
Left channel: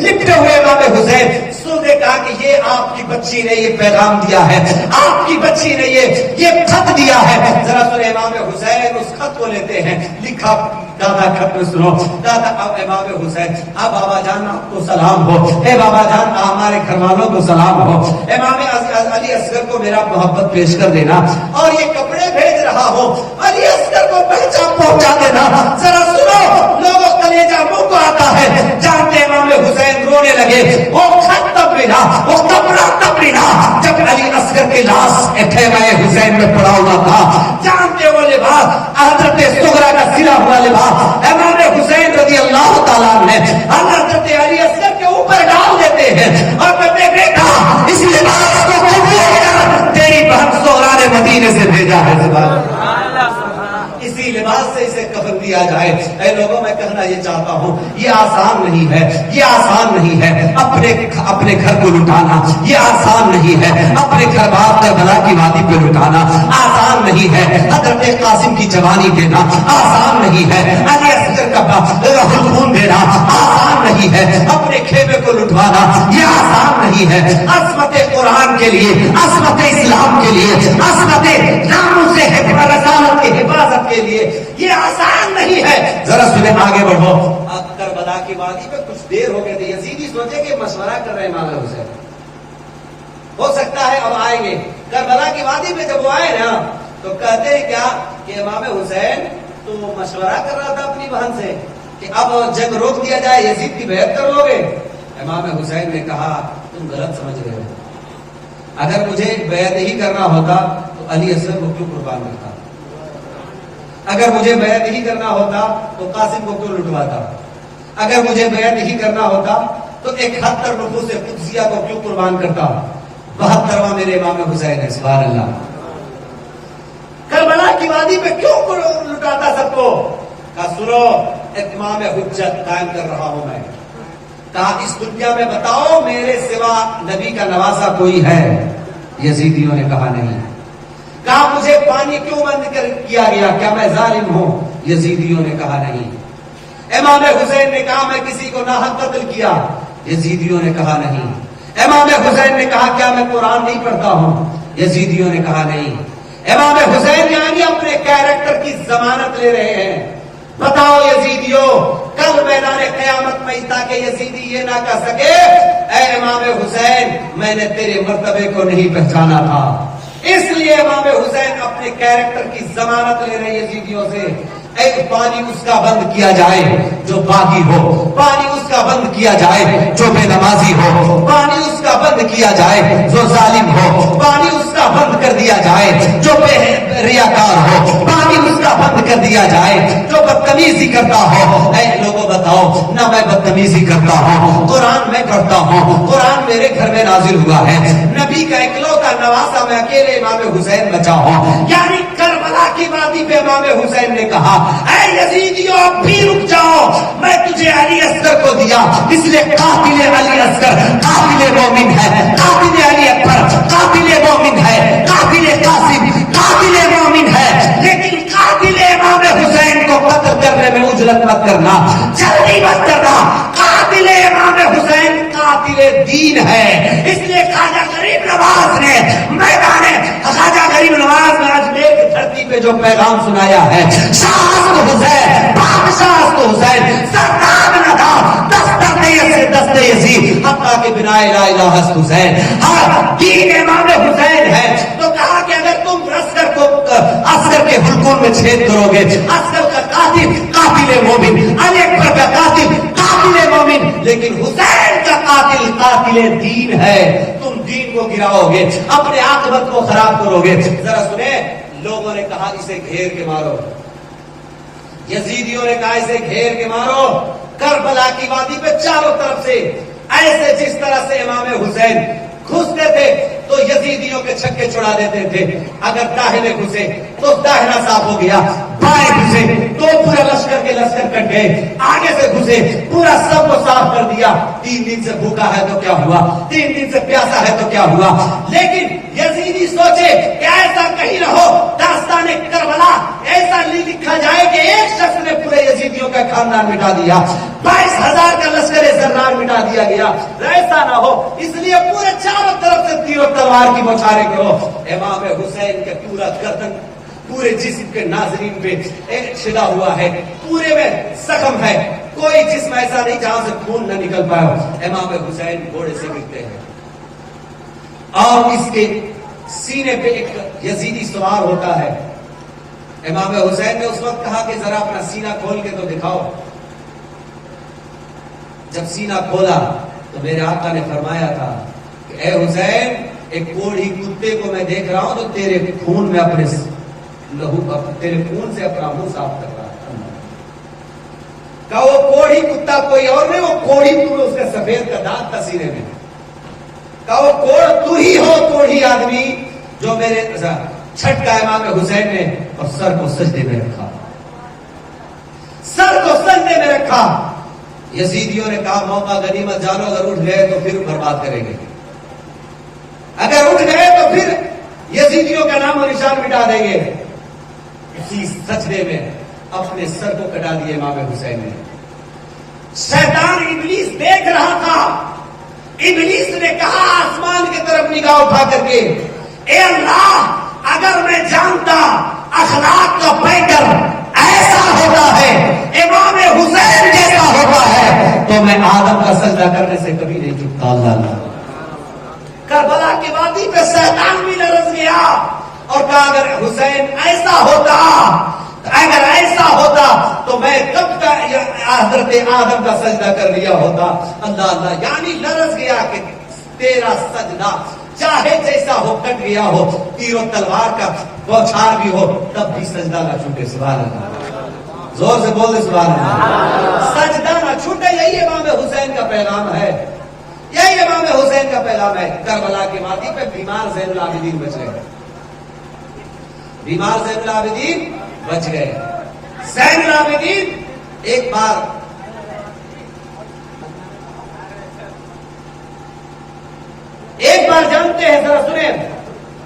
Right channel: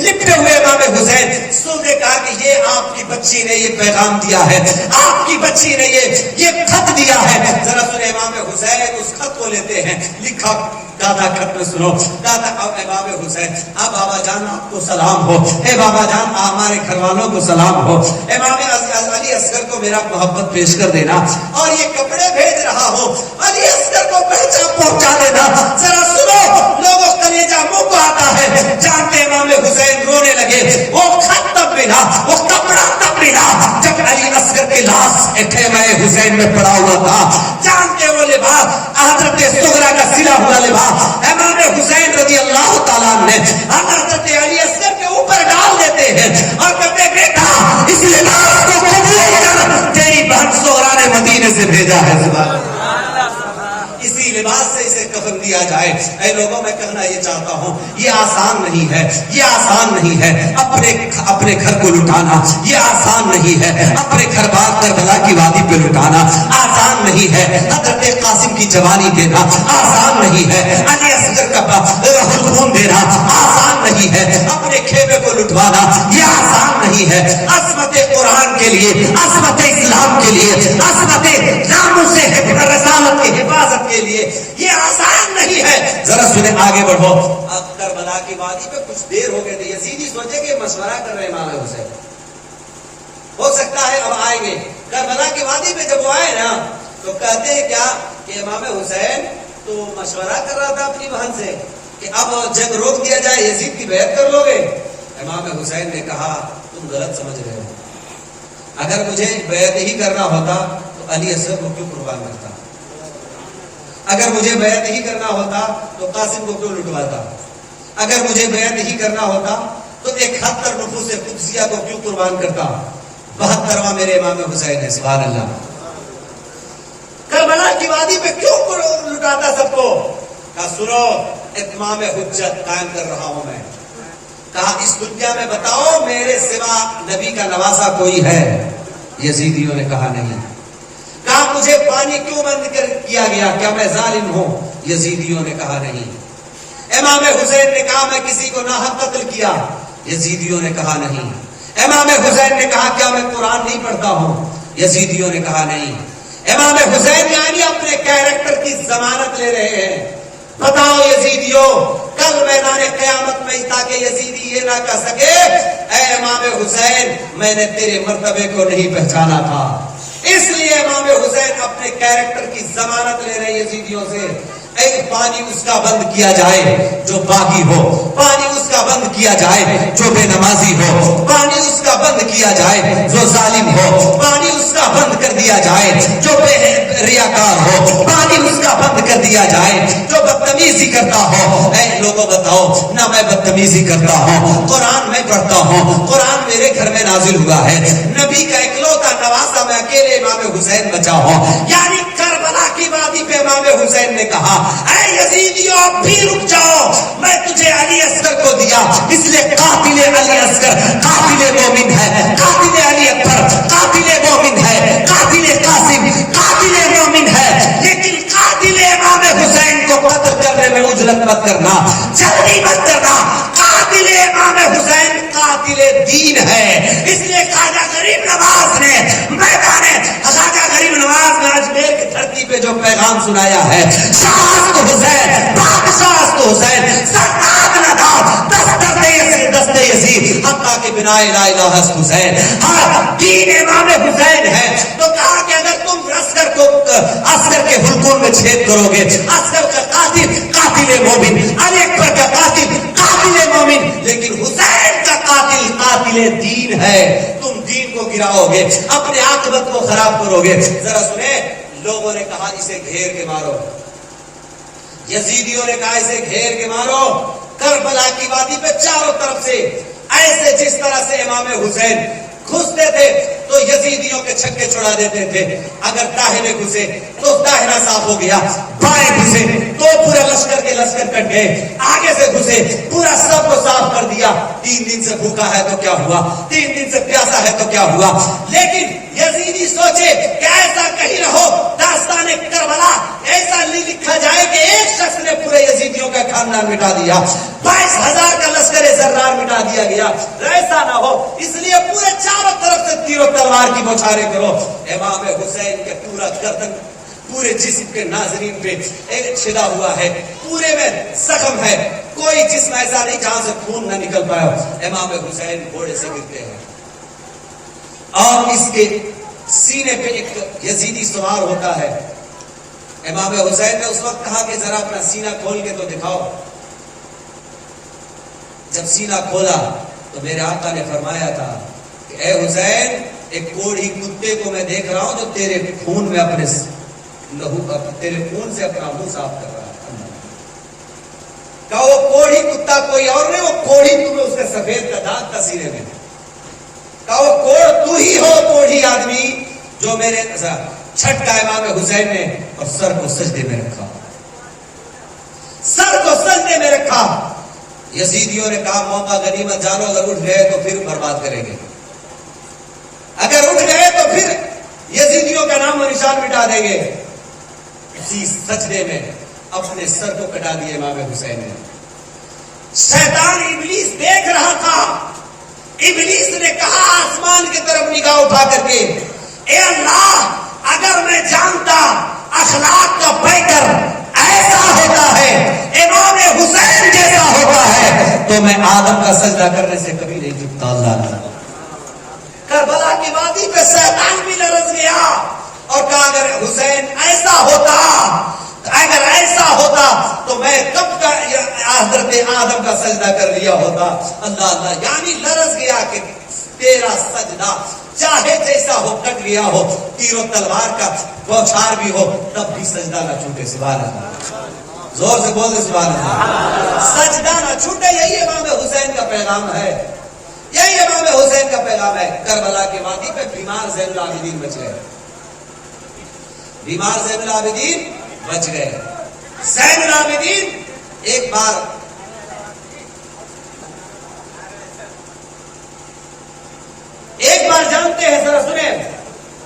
لپٹے ہوئے امام حسین رسول نے کہا کہ یہ آپ کی بچی نے یہ پیغام دیا ہے، آپ کی بچی نے یہ خط دیا ہے۔ ذرا سنے، امام حسین اس خط کو لیتے ہیں، لکھا دادا خط میں سنو، دادا اب امام حسین، اب بابا جان آپ کو سلام ہو، اے بابا جان ہمارے گھر والوں کو سلام ہو، امام علی اصغر کو میرا محبت پیش کر دینا، اور یہ کپڑے بھیج رہا ہوں، علی اصغر کو پہچان پہنچا دینا۔ ذرا سنو، لوگوں کلیجہ منہ کو آتا ہے، جانتے امام حسین رونے لگے، وہ خط تب ملا، وہ کپڑا تب ملا جب علی اصغر کی لاش خیمہ حسین میں پڑا ہوا تھا۔ جانتے وہ لباس حضرت صغرا کا سلا ہوا لباس امام حسین رضی اللہ تعالیٰ نے حضرت علی اصغر کے اوپر ڈال دیتے ہیں اور کہتے بیٹا اس لباس کو تیری بہن صغرا نے مدینے سے بھیجا ہے، سبحان اللہ، اسی لباس سے اسے کفن دیا جائے۔ اے لوگوں، میں کہنا یہ چاہتا ہوں، یہ آسان نہیں ہے، یہ آسان نہیں ہے اپنے گھر کو لٹانا، یہ آسان نہیں ہے اپنے گھر بار کربلا کی وادی پہ لٹانا، آسان نہیں ہے حضرت قاسم کی جوانی دینا، آسان نہیں ہے علی اصغر کا خون دینا، آسان نہیں ہے اپنے خیمے کو لٹوانا، یہ آسان نہیں ہے عصمت قرآن کے لیے، عصمت اسلام کے لیے، عصمت ناموس رسالت کی حفاظت کے لیے، یہ آسان نہیں ہے۔ ذرا سنیں، آگے بڑھو۔ اب کربلا کی وادی میں کچھ دیر ہو گئے تھے، یزیدی سوچے کہ مشورہ کر رہے امام حسین، ہو سکتا ہے اب آئیں گے۔ کربلا کی وادی میں جب وہ آئے نا تو کہتے ہیں کیا کہ امام حسین تو مشورہ کر رہا تھا اپنی بہن سے کہ اب جنگ روک دیا جائے، یزید کی بیعت کر لو گے؟ امام حسین نے کہا تم غلط سمجھ رہے ہو، اگر مجھے بیعت ہی کرنا ہوتا تو علی اصغر کو کیوں قربان کرتا، اگر مجھے بیعت نہیں کرنا ہوتا تو قاسم کو کیوں لٹواتا، اگر مجھے بیعت نہیں کرنا ہوتا تو 71 نفوس قدسیہ کو کیوں قربان کرتا، 72واں میرے امام حسین ہے، سبحان اللہ۔ کربلا کی وادی میں کیوں لٹاتا سب کو؟ کہا سنو، اتمام حجت قائم کر رہا ہوں میں، کہا اس دنیا میں بتاؤ میرے سوا نبی کا نواسا کوئی ہے؟ یزیدیوں نے کہا نہیں۔ کہا مجھے پانی کیوں بند کیا گیا، کیا میں ظالم ہوں؟ یزیدیوں نے کہا نہیں۔ امام حسین نے کہا میں کسی کو ناحق قتل کیا؟ یزیدیوں نے کہا نہیں۔ امام حسین نے کہا کیا میں قرآن نہیں پڑھتا ہوں؟ یزیدیوں نے کہا نہیں۔ امام حسین یعنی اپنے کیریکٹر کی ضمانت لے رہے ہیں۔ بتاؤ یزیدیوں، کل میدان قیامت میں تاکہ یزیدی یہ نہ کہہ سکے اے امام حسین میں نے تیرے مرتبے کو نہیں پہچانا تھا، اس لیے امام حسین اپنے کیریکٹر کی ضمانت لے رہے یزیدیوں سے۔ ایک پانی اس کا بند کیا جائے جو باغی ہو، پانی اس کا بند کیا جائے جو بے نمازی ہو، پانی اس کا بند کیا جائے جو ظالم ہو، پانی اس کا بند کر دیا جائے جو بے ریاکار ہو، پانی اس کا بند کر دیا جائے جو بدتمیزی کرتا ہو۔ اے لوگوں بتاؤ، نہ میں بدتمیزی کرتا ہوں، قرآن میں پڑھتا ہوں، قرآن میرے گھر میں نازل ہوا ہے، نبی کا اکلوتا نواسا میں اکیلے امام حسین بچا ہوں۔ یعنی کربلا کی وادی پہ امام حسین نے کہا اے یزیدیوں اب بھی رک جاؤ، میں تجھے علی اصغر کو دیا، اس لیے قاتل علی اصغر قاتل مومن ہے، قاتل علی اکبر قاتل مومن ہے، قاتل قاسم قاتل مومن ہے، لیکن قاتل امام حسین کو قتل کرنے میں اجرت مت کرنا، جلدی مت کرنا۔ قاتل امام حسین قاتل دین ہے، اس لیے خواجہ غریب نواز نے خواجہ غریب نواز نے اجمیر کی دھرتی پہ جو پیغام سنایا ہے، شاست حسین بادشاہ حسین سردار لگا دست یزید حقا کے بنا لا الہ الا حسین، ہر دین امام حسین ہے۔ تو کہا کہ اگر تم اصغر کے حلقوں میں چھید کرو گے، اصغر کا قاتل قاتل مومن، علی اکبر کا قاتل قاتل مومن، لیکن حسین کا قاتل قاتل دین ہے، تم دین کو گراؤ گے، اپنے عاقبت کو خراب کرو گے۔ ذرا سنیں، لوگوں نے کہا اسے گھیر کے مارو، یزیدیوں نے کہا اسے گھیر کے مارو۔ کربلا کی وادی پہ چاروں طرف سے ایسے جس طرح سے امام حسین گھستے تھے تو یزیدیوں کے چھکے چھڑا دیتے تھے، اگر داہنے گھسے تو داہنا صاف ہو گیا، بائیں گھسے تو پورا لشکر کے لشکر کٹ گئے، آگے سے گھسے پورا سب کو صاف کر دیا۔ 3 دن سے بھوکا ہے تو کیا ہوا، 3 دن سے پیاسا ہے تو کیا ہوا، لیکن یزیدی سوچے کہ ایسا کہیں نہ ہو داستان کربلا ایسا نہیں لکھا جائے کہ ایک شخص نے پورے یزیدیوں کا خاندان مٹا دیا، 22,000 کا لشکر زرار مٹا دیا گیا، ایسا نہ ہو، اس لیے پورے چاروں طرف سے تیر و تلوار کی بوچھاریں کرو۔ امام حسین کے پورا گردن پورے جسم کے ناظرین پہ ایک چھلا ہوا ہے، پورے میں زخم ہے، کوئی جسم ایسا نہیں جہاں سے خون نہ نکل پایا۔ امام حسین گھوڑے سے گرتے ہیں اور اس کے سینے پہ ایک یزیدی سوار ہوتا ہے۔ امام حسین نے اس وقت کہا کہ ذرا اپنا سینہ کھول کے تو دکھاؤ۔ جب سینہ کھولا تو میرے آقا نے فرمایا تھا کہ اے حسین، ایک کوڑھی کتے کو میں دیکھ رہا ہوں تو تیرے خون میں اپنے تیرے خون سے اپنا منہ صاف کر رہا ہے۔ کہ وہ کوڑھی کتا کوئی اور نہیں، وہ کوڑھی تم نے اس کے سفید کا داغ تھا سینے میں، کہ وہ کوڑ تو ہی ہو، کوڑھی آدمی جو میرے چھٹکا امام حسین نے اور سر کو سجدے میں رکھا، سر کو سجدے میں رکھا۔ یزیدیوں نے کہا موقع غنیمت جانو، اگر اٹھ گئے تو پھر برباد کریں گے، اگر اٹھ گئے تو پھر یزیدیوں کا نام و نشان مٹا دیں گے۔ اسی سجدے میں اپنے سر کو کٹا دیا امام حسین نے۔ شیطان ابلیس دیکھ رہا تھا، ابلیس نے کہا آسمان کی طرف نگاہ اٹھا کر کے، اے اللہ، اگر میں جانتا اخلاق کا پیکر ایسا ہوتا ہے، امام حسین جیسا ہوتا ہے، تو میں آدم کا سجدہ کرنے سے کبھی نہیں جھکتا۔ اللہ کربلا کی وادی پہ شیطان بھی لرز گیا اور کہا اگر حسین ایسا ہوتا، اگر ایسا ہوتا تو میں کب کا حضرت آدم کا سجدہ کر لیا ہوتا۔ اللہ اللہ، یعنی لرز گیا کہ تیرا سجدہ چاہے جیسا ہو، کٹ گیا ہو، تیر و تلوار کا بوچھار بھی ہو، تب بھی سجدہ نہ چھوٹے۔ سبحان اللہ، زور سے بول دے سبحان اللہ، سجدہ نہ چھوٹے۔ یہی امام حسین کا پیغام ہے، یہی امام حسین کا پیغام ہے۔ کربلا کی وادی پہ بیمار زین العابدین بچ گئے، بیمار زین العابدین بچ گئے۔ زین العابدین ایک بار جانتے ہیں، ذرا سنیں،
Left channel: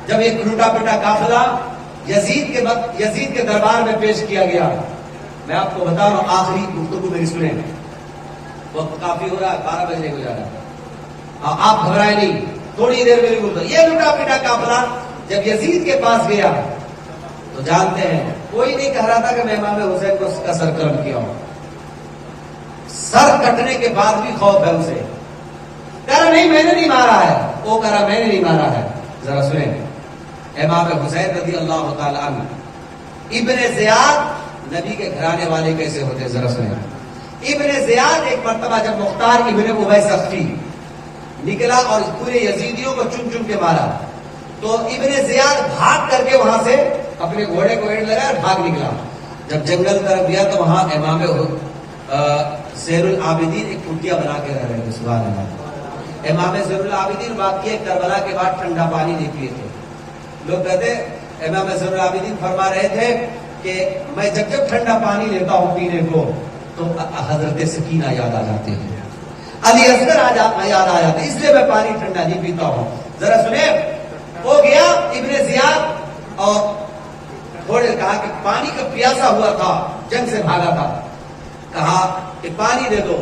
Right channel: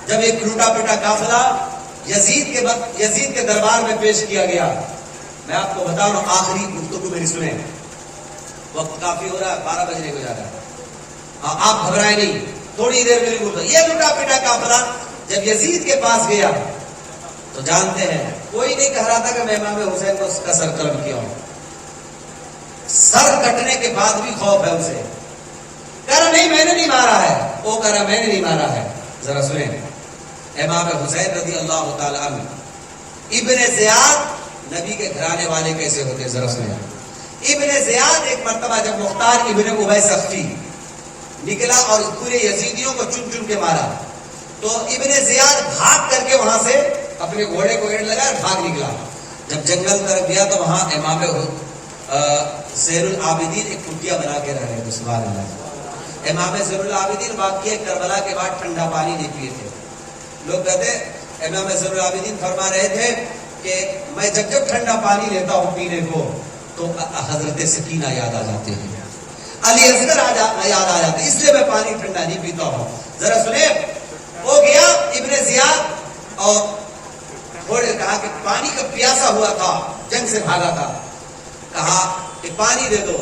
جب ایک ٹوٹا پٹا قافلہ یزید کے دربار میں پیش کیا گیا، میں آپ کو بتا رہا ہوں، آخری گفتگو میری سنیں، وقت کافی ہو رہا ہے، 12 بجے ہو جا رہا ہے، آپ گھبرائے نہیں، تھوڑی دیر میں بولتا۔ یہ ٹوٹا پٹا قافلہ جب یزید کے پاس گیا تو جانتے ہیں کوئی نہیں کہہ رہا تھا کہ میں امام حسین کو اس کا سر قلم کیا ہوں، سر کٹنے کے بعد بھی خوف ہے اسے، کہہ رہا نہیں میں نے نہیں مارا ہے، وہ کہہ رہا میں نے نہیں مارا ہے۔ ذرا سنیں، امام حسین رضی اللہ تعالی عنہ، ابن زیاد نبی کے گھرانے والے کیسے ہوتے، ذرا سنیں۔ ابن زیاد ایک مرتبہ جب مختار ابن ابی سختی نکلا اور پورے یزیدیوں کو چن چن کے مارا، تو ابن زیاد بھاگ کر کے وہاں سے اپنے گھوڑے کو ایڑ لگا اور بھاگ نکلا۔ جب جنگل طرف گیا تو وہاں امام زین العابدین ایک کٹیا بنا کے رہ رہے ہیں۔ سبحان اللہ، امام زین العابدین واقعی کربلا کے بعد ٹھنڈا پانی نہیں پیے تھے۔ لوگ کہتے امام زین العابدین فرما رہے تھے کہ میں جب جب ٹھنڈا پانی لیتا ہوں پینے کو تو حضرت سکینہ یاد آ جاتے ہیں، علی اصغر یاد آ جاتے ہیں، اس لیے میں پانی ٹھنڈا نہیں پیتا ہوں۔ ذرا سنیں، ہو گیا ابن زیاد اور تھوڑے کہا کہ پانی کا پیاسا ہوا تھا، جنگ سے بھاگا تھا، کہا کہ پانی دے دو۔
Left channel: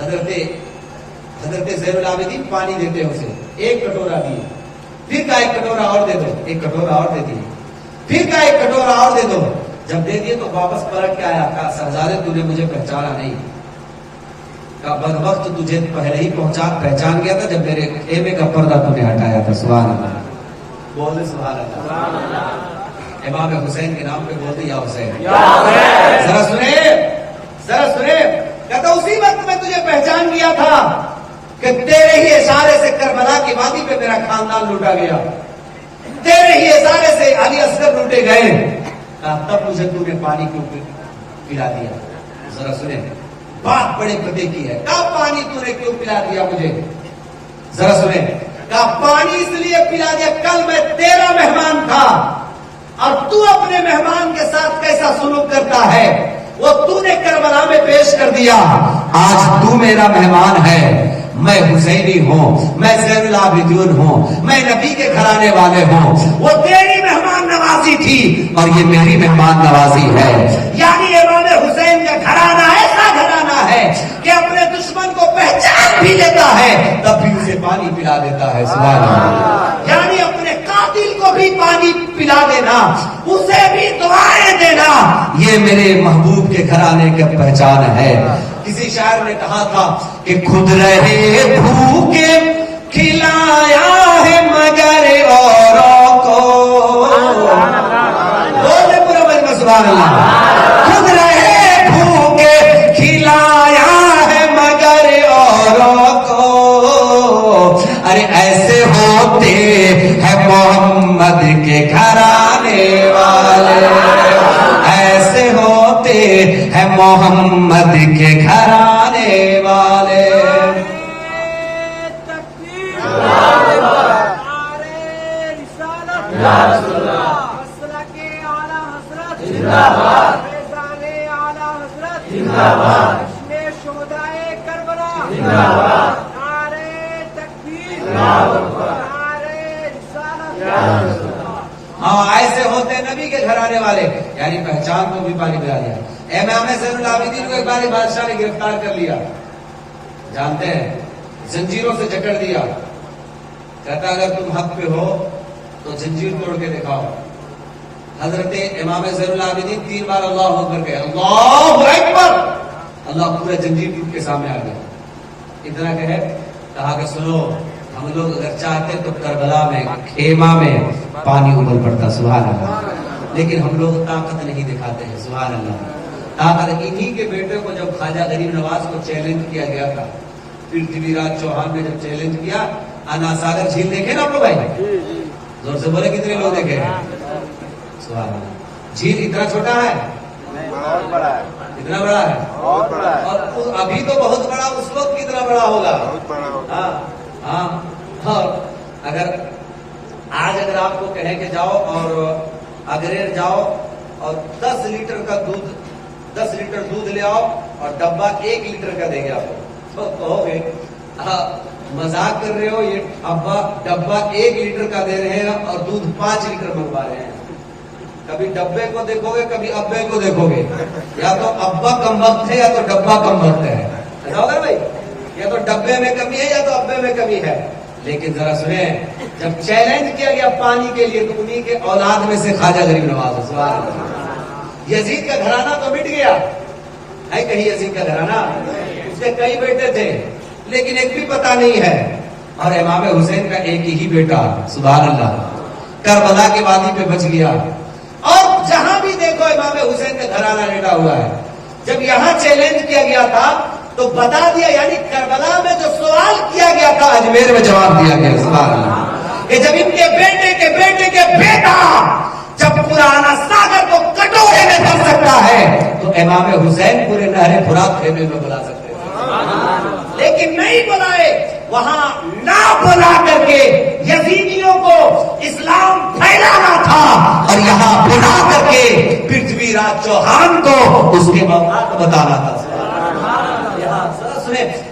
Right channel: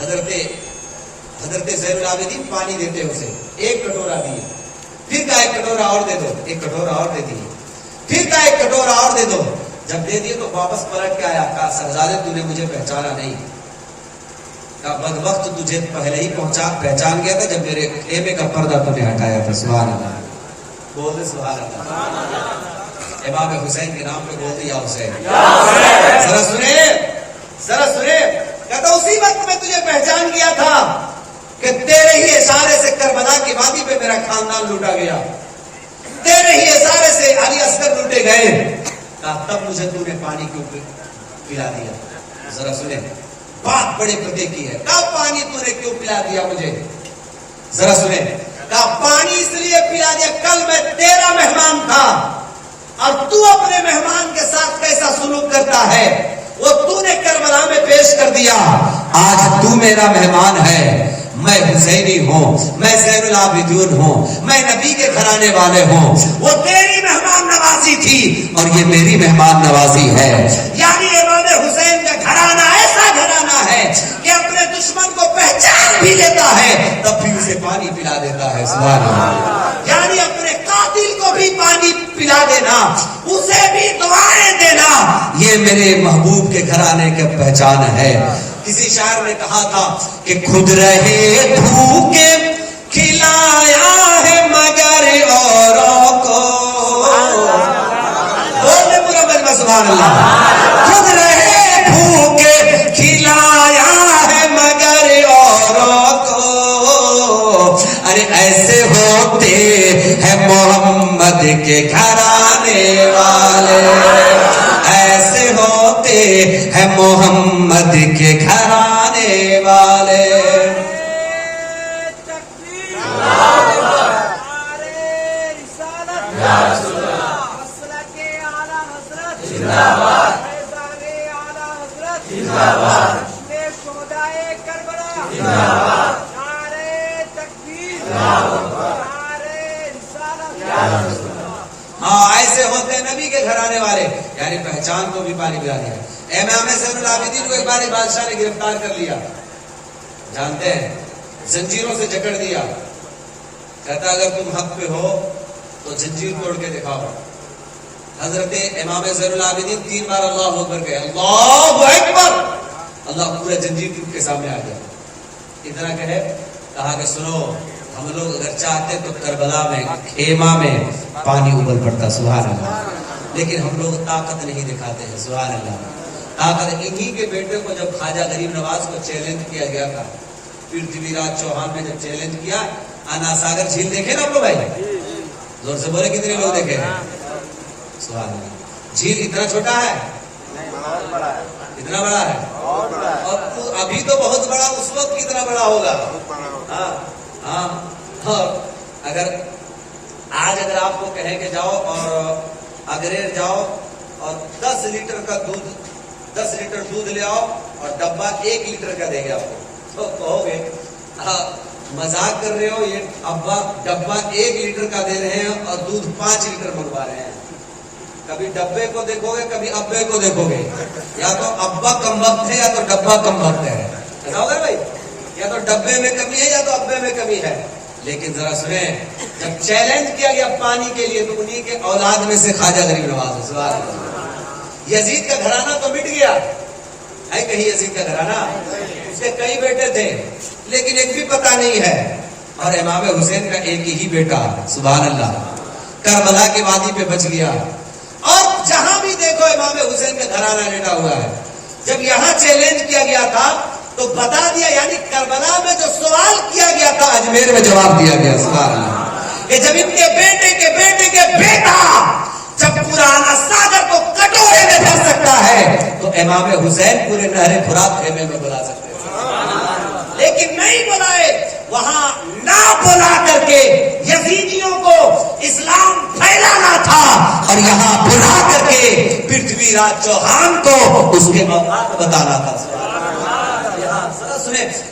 حضرت زین العابدین پانی دیتے اسے، ایک کٹورا دیے، پھر کہا ایک کٹورا اور دے دو، ایک کٹورا اور دے دیے، پھر کہا ایک کٹورا اور دے دو۔ جب دے دیے تو واپس پلٹ کے آیا، کہا سرزادے تو نے مجھے پہچانا نہیں، کہا بدبخت تجھے پہلے ہی پہچان گیا تھا جب میرے خیمے کا پردہ تو نے ہٹایا تھا۔ سبحان اللہ، بول دے سبحان اللہ، امام حسین کے نام پہ بول دے یا حسین۔ ذرا سنے، کہتا اسی وقت میں تجھے پہچان گیا تھا کہ تیرے ہی اشارے سے کربلا کی وادی پہ میرا خاندان لوٹا گیا، تیرے ہی اشارے سے علی اصغر لوٹے گئے، کہا تب مجھے تو نے پانی کیوں پلا دیا۔ ذرا سنے، بات بڑے پتے کی ہے، کہا پانی تو نے کیوں پلا دیا مجھے؟ ذرا سنے، کہا پانی اس لیے پلا دیا، کل میں تیرا مہمان تھا، اور تو اپنے مہمان کے ساتھ کیسا سلوک کرتا ہے وہ تو نے کربلا میں پیش کر دیا. آج تو میرا مہمان ہے, میں حسینی ہوں, میں زین العابدین ہوں, میں نبی کے گھرانے والے ہوں. وہ تیری مہمان نوازی تھی اور یہ میری مہمان نوازی ہے. یعنی امام حسین کا گھرانہ ایسا گھرانہ ہے کہ اپنے دشمن کو پہچان بھی لیتا ہے تب بھی اسے پانی پلا دیتا ہے. سبحان اللہ. یعنی اپنے قاتل کو بھی پانی پلا دینا, اسے بھی دعائیں دینا, یہ میرے محبوب کے گھرانے کی پہچان ہے. کسی شاعر نے کہا تھا کہ خود رہے بھوکے کھلایا ہے مگر اوروں کو. بولے پورا مجمع سبحان اللہ. خود رہے بھوکے کھلایا ہے مگر اوروں کو. ارے ایسے ہوتے ہیں محمد کے گھرانے والے, ایسے ہوتے ہیں محمد کے گھرانے والے. ہاں ایسے ہوتے نبی کے گھرانے والے, یعنی پہچان کو بھی پانی پلا دیا. امام زین العابدین کو ایک بار بادشاہ نے گرفتار کر لیا, جانتے ہیں, زنجیروں سے جکڑ دیا. کہتا اگر تم حق پہ ہو تو زنجیر توڑ کے دکھاؤ. حضرت امام زین العابدین 3 بار اللہ اکبر کہے, اللہ اکبر, اللہ پورے زنجیر ٹوٹ کے سامنے آ گیا. اتنا کہا کہ سنو, ہم لوگ اگر چاہتے تو کربلا میں خیمہ میں پانی ابل پڑتا. سبحان اللہ. لیکن ہم لوگ طاقت نہیں دکھاتے ہیں. سبحان اللہ. طاقت انہی کے بیٹے کو جب خواجہ غریب نواز کو چیلنج کیا گیا تھا, پرتھوی راج چوہان نے جب چیلنج کیا, انا ساگر جھیل دیکھے نا آپ لوگ بھائی, زور سے بولے کتنے لوگ دیکھے ہیں. سبحان اللہ. جھیل اتنا چھوٹا ہے, اتنا بڑا ہے, اور ابھی تو بہت بڑا, اس وقت کتنا بڑا ہوگا. ہاں ہاں. اگر آج اگر آپ کو کہیں کہ جاؤ اور اگریر جاؤ اور 10 لیٹر کا دودھ, 10 لیٹر دودھ لے آؤ اور ڈبہ 1 لیٹر کا دے گے آپ کو, تو کہو گے مذاق کر رہے ہو, یہ ابا ڈبہ 1 لیٹر کا دے رہے ہیں اور دودھ 5 لیٹر منگوا رہے ہیں. کبھی ڈبے کو دیکھو گے, کبھی ابے کو دیکھو گے, یا تو ابا کم وقت ہے یا تو ڈبہ کم وقت ہے. ایسا ہوگا بھائی, یا تو ڈبے میں کمی ہے یا تو ابے میں کمی ہے. لیکن ذرا سنیں, جب چیلنج کیا گیا پانی کے لیے تو انہی کے اولاد میں سے خواجہ غریب نواز. سبحان اللہ. یزید کا گھرانہ تو مٹ گیا ہے, کہیں یزید کا گھرانہ, اس کے کئی بیٹے تھے لیکن ایک بھی پتہ نہیں ہے. اور امام حسین کا ایک ہی بیٹا سبحان اللہ کربلا کی وادی پہ بچ گیا. اور جہاں بھی دیکھو امام حسین کا گھرانہ لیٹا ہوا ہے. جب یہاں چیلنج کیا گیا تھا تو بتا دیا, یعنی کربلا میں جو سوال کیا گیا تھا اجمیر میں جواب دیا گیا. سبحان اللہ. کہ جب ان کے بیٹے کے بیٹے کے بیٹا جب پرانا ساگر کو کٹورے میں بھر سکتا ہے تو امام حسین پورے نہر فرات خیمے میں بلا سکتے ہیں. لیکن نہیں بلائے, وہاں نہ بلا کر کے یزیدیوں کو اسلام پھیلانا تھا اور یہاں بلا کر کے پرتھوی راج چوہان کو اس کے اوقات بتانا تھا.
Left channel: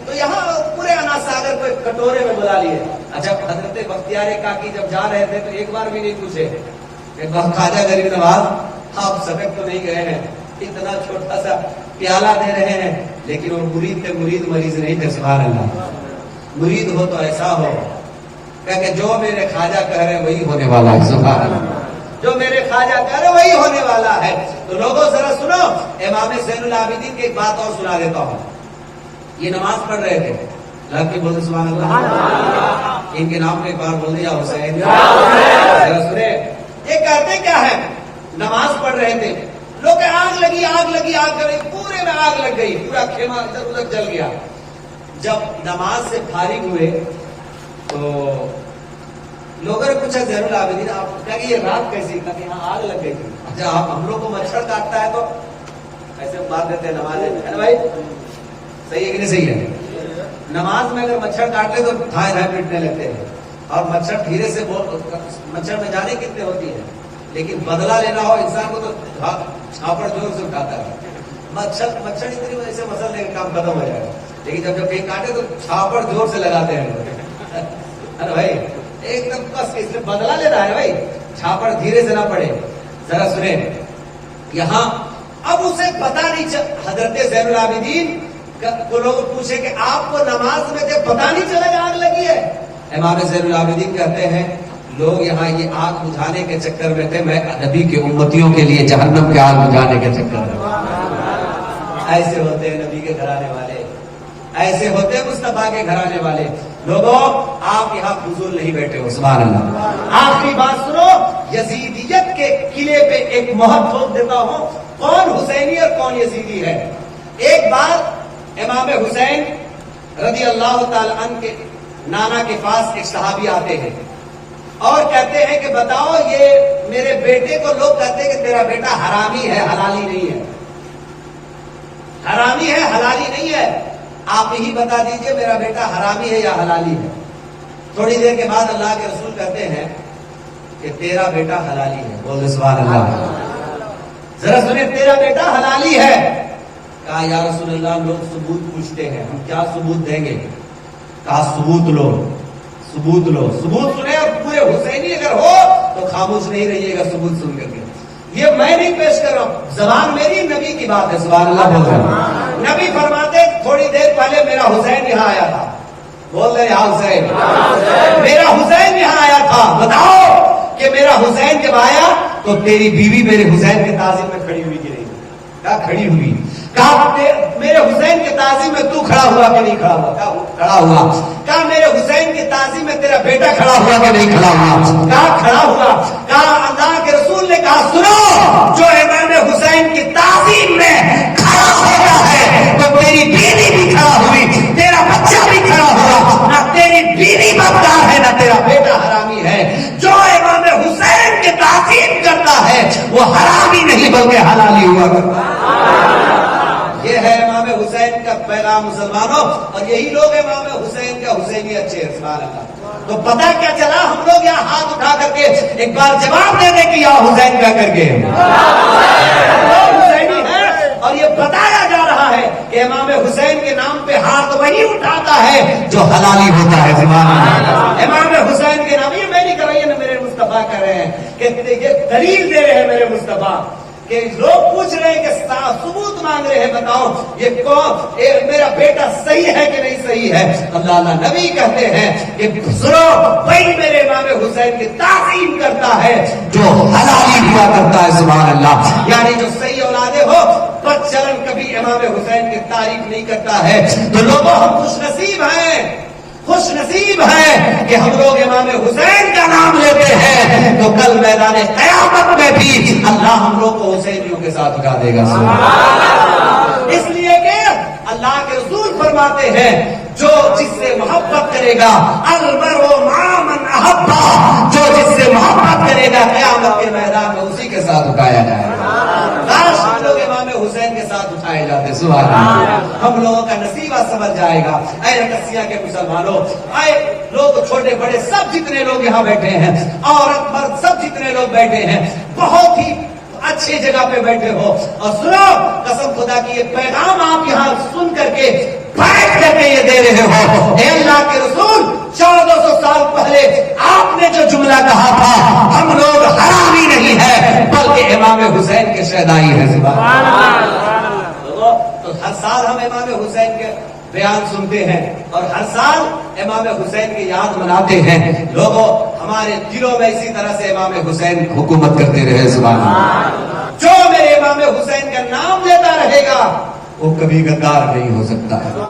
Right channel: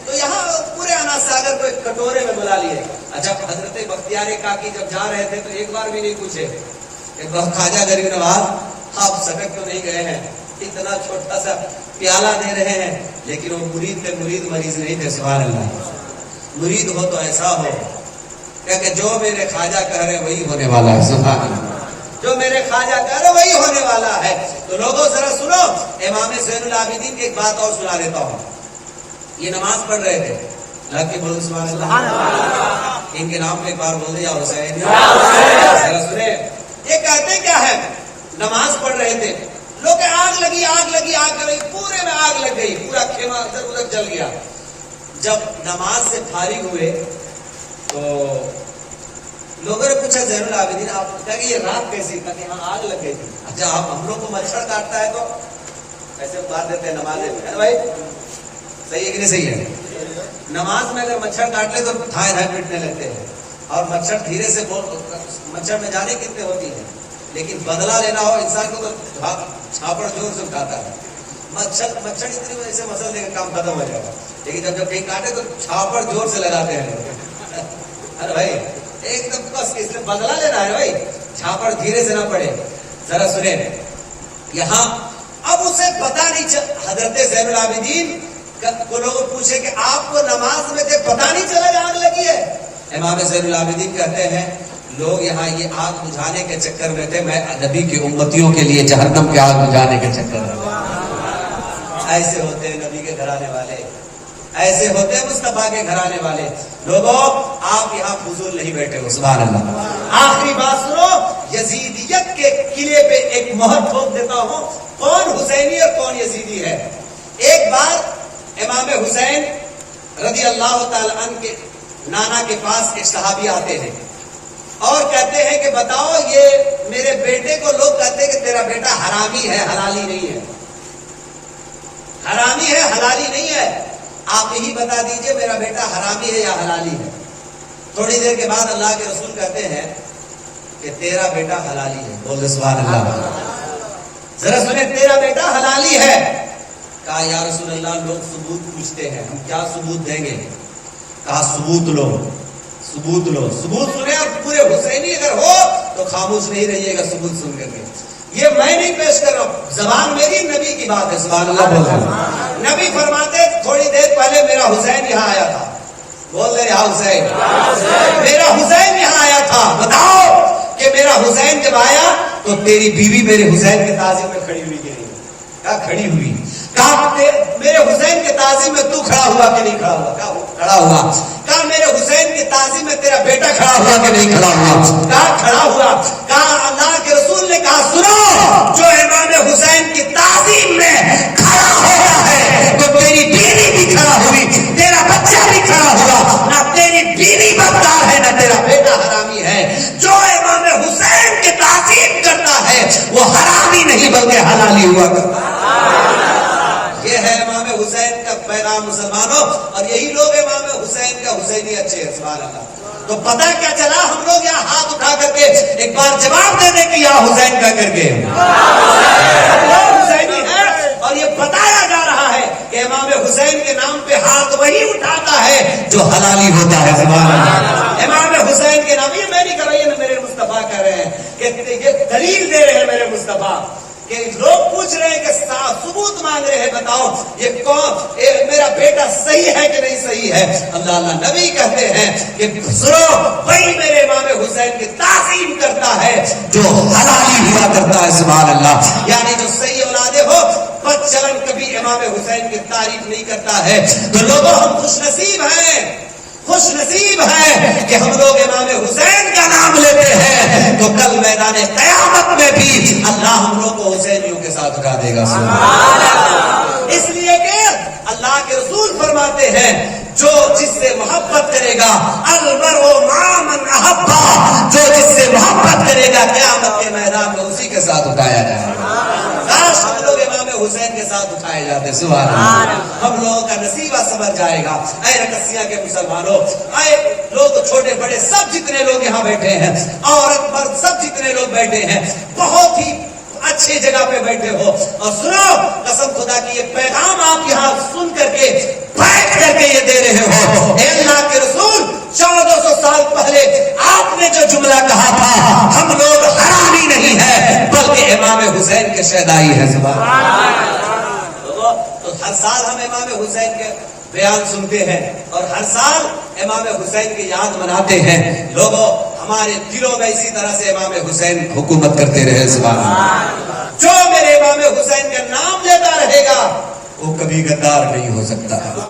تو یہاں پورے انا ساگر کو ایک کٹورے میں بلا لیے. اچھا, حضرت بختیار کاکی جب جا رہے تھے تو ایک بار بھی نہیں پوچھے کہ خواجہ غریب نواز آپ سبق تو نہیں گئے ہیں, اتنا چھوٹا سا پیالہ دے رہے ہیں. لیکن وہ مرید تھے, مرید مریض نہیں تھے. سبحان اللہ. مرید ہو تو ایسا ہو کہ جو میرے خواجہ کہہ رہے وہی ہونے والا ہے. سبحان اللہ. جو میرے خواجہ کہہ رہے وہی ہونے والا ہے. تو لوگوں ذرا سنو, امام زین العابدین کی ایک بات اور سنا دیتا ہوں. یہ نماز پڑھ رہے تھے, لاکھ بولے سبحان اللہ. ان کے نام میں ایک بار بول دیا حسین. ذرا سنے, یہ کہتے کیا ہے, نماز پڑھ رہے تھے, لوگ آگ لگی آگ لگی آگ لگی, پورے میں آگ لگ گئی, پورا خیمہ ادھر ادھر جل گیا. جب نماز سے فارغ ہوئے تو لوگوں نے پوچھا زین العابدین آپ کہا کہ یہ رات کیسی, کہا کہ یہاں آگ لگ گئی تھی. اچھا, آپ ہم لوگ کو مچھر کاٹتا ہے تو ایسے بات دیتے ہیں نماز ہے نا بھائی, صحیح ہے کہ نہیں صحیح ہے. نماز میں اگر مچھر کاٹتے تو دھائے دھائے پٹنے لگتے ہیں, اور مچھر دھیرے سے مچھر میں جانے کتنے ہوتی ہے, لیکن بدلہ لینا ہو انسان کو تو چھاپڑ زور سے اٹھاتا ہے. مچھر اتنی وجہ سے مسئلے کا کام ختم ہو جائے گا, لیکن جب کہیں کاٹے تو چھاپڑ زور سے لگاتے ہیں لوگ. ارے بھائی ایک دم کس کے, اس نے بدلہ لینا ہے بھائی, چھاپڑ دھیرے سے نہ پڑے. ذرا سنیں یہاں, اب اسے پتا نہیں حضرت زین العابدین کو لوگ پوچھے کہ آپ کو نماز میں کہ پتا نہیں چلا کہ آگ لگی ہے. امام زین العابدین کہتے ہیں لوگ یہاں یہ آگ بجھانے کے چکر میں تھے, میں نبی کی امتیوں کے لیے جہنم کی آگ بجھانے کے چکر میں. ایسے ہوتے ہیں نبی کے گھرانے والے, ایسے ہوتے ہیں مصطفیٰ کے گھرانے والے. لوگوں آپ یہاں فضول نہیں بیٹھے ہو, سبحان اللہ. آخری بات سنو, یزیدیت کے قلعے پہ ایک مہر ٹھوک دیتا ہوں, کون حسینی اور کون یزیدی ہے. ایک بار امام حسین رضی اللہ تعالی عنہ کے نانا کے پاس ایک صحابی آتے ہیں اور کہتے ہیں کہ بتاؤ یہ میرے بیٹے کو لوگ کہتے ہیں کہ تیرا بیٹا حرامی ہے, حلالی نہیں ہے. حرامی ہے حلالی نہیں ہے, آپ ہی بتا دیجئے میرا بیٹا حرامی ہے یا حلالی ہے. تھوڑی دیر کے بعد اللہ کے رسول کہتے ہیں کہ تیرا بیٹا حلالی ہے. بول سبحان اللہ. ذرا سنیں, تیرا بیٹا حلالی ہے. کہا یا رسول اللہ لوگ ثبوت پوچھتے ہیں, ہم کیا ثبوت دیں گے. کہا ثبوت لو, ثبوت لو. ثبوت سنیں اور پورے حسینی اگر ہو تو خاموش نہیں رہیے گا ثبوت سن کر کے. یہ میں نہیں پیش کر رہا ہوں, زبان میری, نبی کی بات ہے. سبحان اللہ بول رہے ہیں. نبی فرماتے تھوڑی دیر پہلے میرا حسین یہاں آیا تھا. بول رہے یا حسین, میرا حسین یہاں آیا تھا. بتاؤ کہ میرا حسین جب آیا تو تیری بیوی میرے حسین کے تعظیم میں کھڑی ہوئی کہ نہیں. کہا کھڑی ہوئی. کہا میرے حسین کے تعظیم میں تو کھڑا ہوا کہ نہیں کھڑا ہوا. کہا کھڑا ہوا. کہا میرے حسین کی تعظیم میں تیرا بیٹا کھڑا ہوا کہ نہیں کھڑا ہوا. کہا کھڑا ہوا. کہا اللہ کے رسول نے کہا سنو, جو امام حسین کی تعظیم میں کھڑا ہوا ہے تو تیری بیوی بھی کھڑا ہوئی, تیرا بچہ بھی کھڑا ہوا. نہ تیری بیوی بدکار ہے نہ تیرا بیٹا حرامی ہے. جو امام حسین کی تعظیم کرتا ہے وہ حرامی نہیں بلکہ حلالی ہوا کرتا ہے. یہ ہے امام حسین کا پیغام مسلمانوں, اور یہی لوگ امام حسین کا حسینی اچھے ہیں. سبحان اللہ. تو پتہ کیا چلا, ہم لوگ یہاں ہاتھ اٹھا کر کے ایک بار جواب دینے کی یا حسین کا کر کے حسینی ہے, اور یہ بتایا جا رہا ہے کہ امام حسین کے نام پہ ہاتھ وہی اٹھاتا ہے جو حلالی ہوتا ہے. سبحان اللہ. امام حسین کے نام, یہ میں نہیں کر رہی ہے, میرے مصطفیٰ کر رہے ہیں کہ یہ دلیل دے رہے ہیں میرے مصطفیٰ, کہ لوگ پوچھ رہے ہیں کہ ثبوت مانگ رہے ہیں, بتاؤ یہ کون میرا بیٹا صحیح ہے کہ نہیں صحیح ہے. اللہ نبی کہتے ہیں کہ سنو, وہی میرے امام حسین کی تعظیم کرتا ہے جو حلالی ہوا کرتا ہے. سبحان اللہ. یعنی جو صحیح اولادے ہو, بد چلن کبھی امام حسین کی تعریف نہیں کرتا ہے. تو لوگوں ہم خوش نصیب ہیں, خوش نصیب ہے کہ ہم لوگ امام حسین کا نام لیتے ہیں تو کل میدان قیامت میں بھی اللہ ہم لوگ کو حسینیوں کے ساتھ اٹھا دے گا. اس لیے کہ اللہ کے رسول فرماتے ہیں جو جس سے محبت کرے گا, المرء مع من احب, جو جس سے محبت کرے گا قیامت کے میدان میں اسی کے ساتھ اٹھایا جائے گا. کاش ہم لوگ امام حسین کے ساتھ اٹھائے جاتے. سبحان اللہ. ہم لوگوں کا نصیبہ سمجھ جائے گا. اے رکسیہ کے مسلمانوں, اے لوگ چھوٹے بڑے سب جتنے لوگ یہاں بیٹھے ہیں, عورت مرد سب جتنے لوگ بیٹھے ہیں, بہت ہی اچھی جگہ پہ بیٹھے ہو, اور سنو قسم خدا کی یہ پیغام آپ یہاں سن کر کے بیٹھ کر کے یہ دے رہے ہو. اے اللہ کے رسول, 1400 سال پہلے آپ نے جو جملہ کہا تھا, ہم لوگ حرامی نہیں ہے بلکہ امام حسین کے شہدائی ہے. تو ہر سال ہم امام حسین کے بیان سنتے ہیں اور ہر سال امام حسین کی یاد مناتے ہیں. لوگوں ہمارے دلوں میں اسی طرح سے امام حسین حکومت کرتے رہے. سبحان اللہ. جو میرے امام حسین کا نام لیتا رہے گا وہ کبھی غدار نہیں ہو سکتا ہے.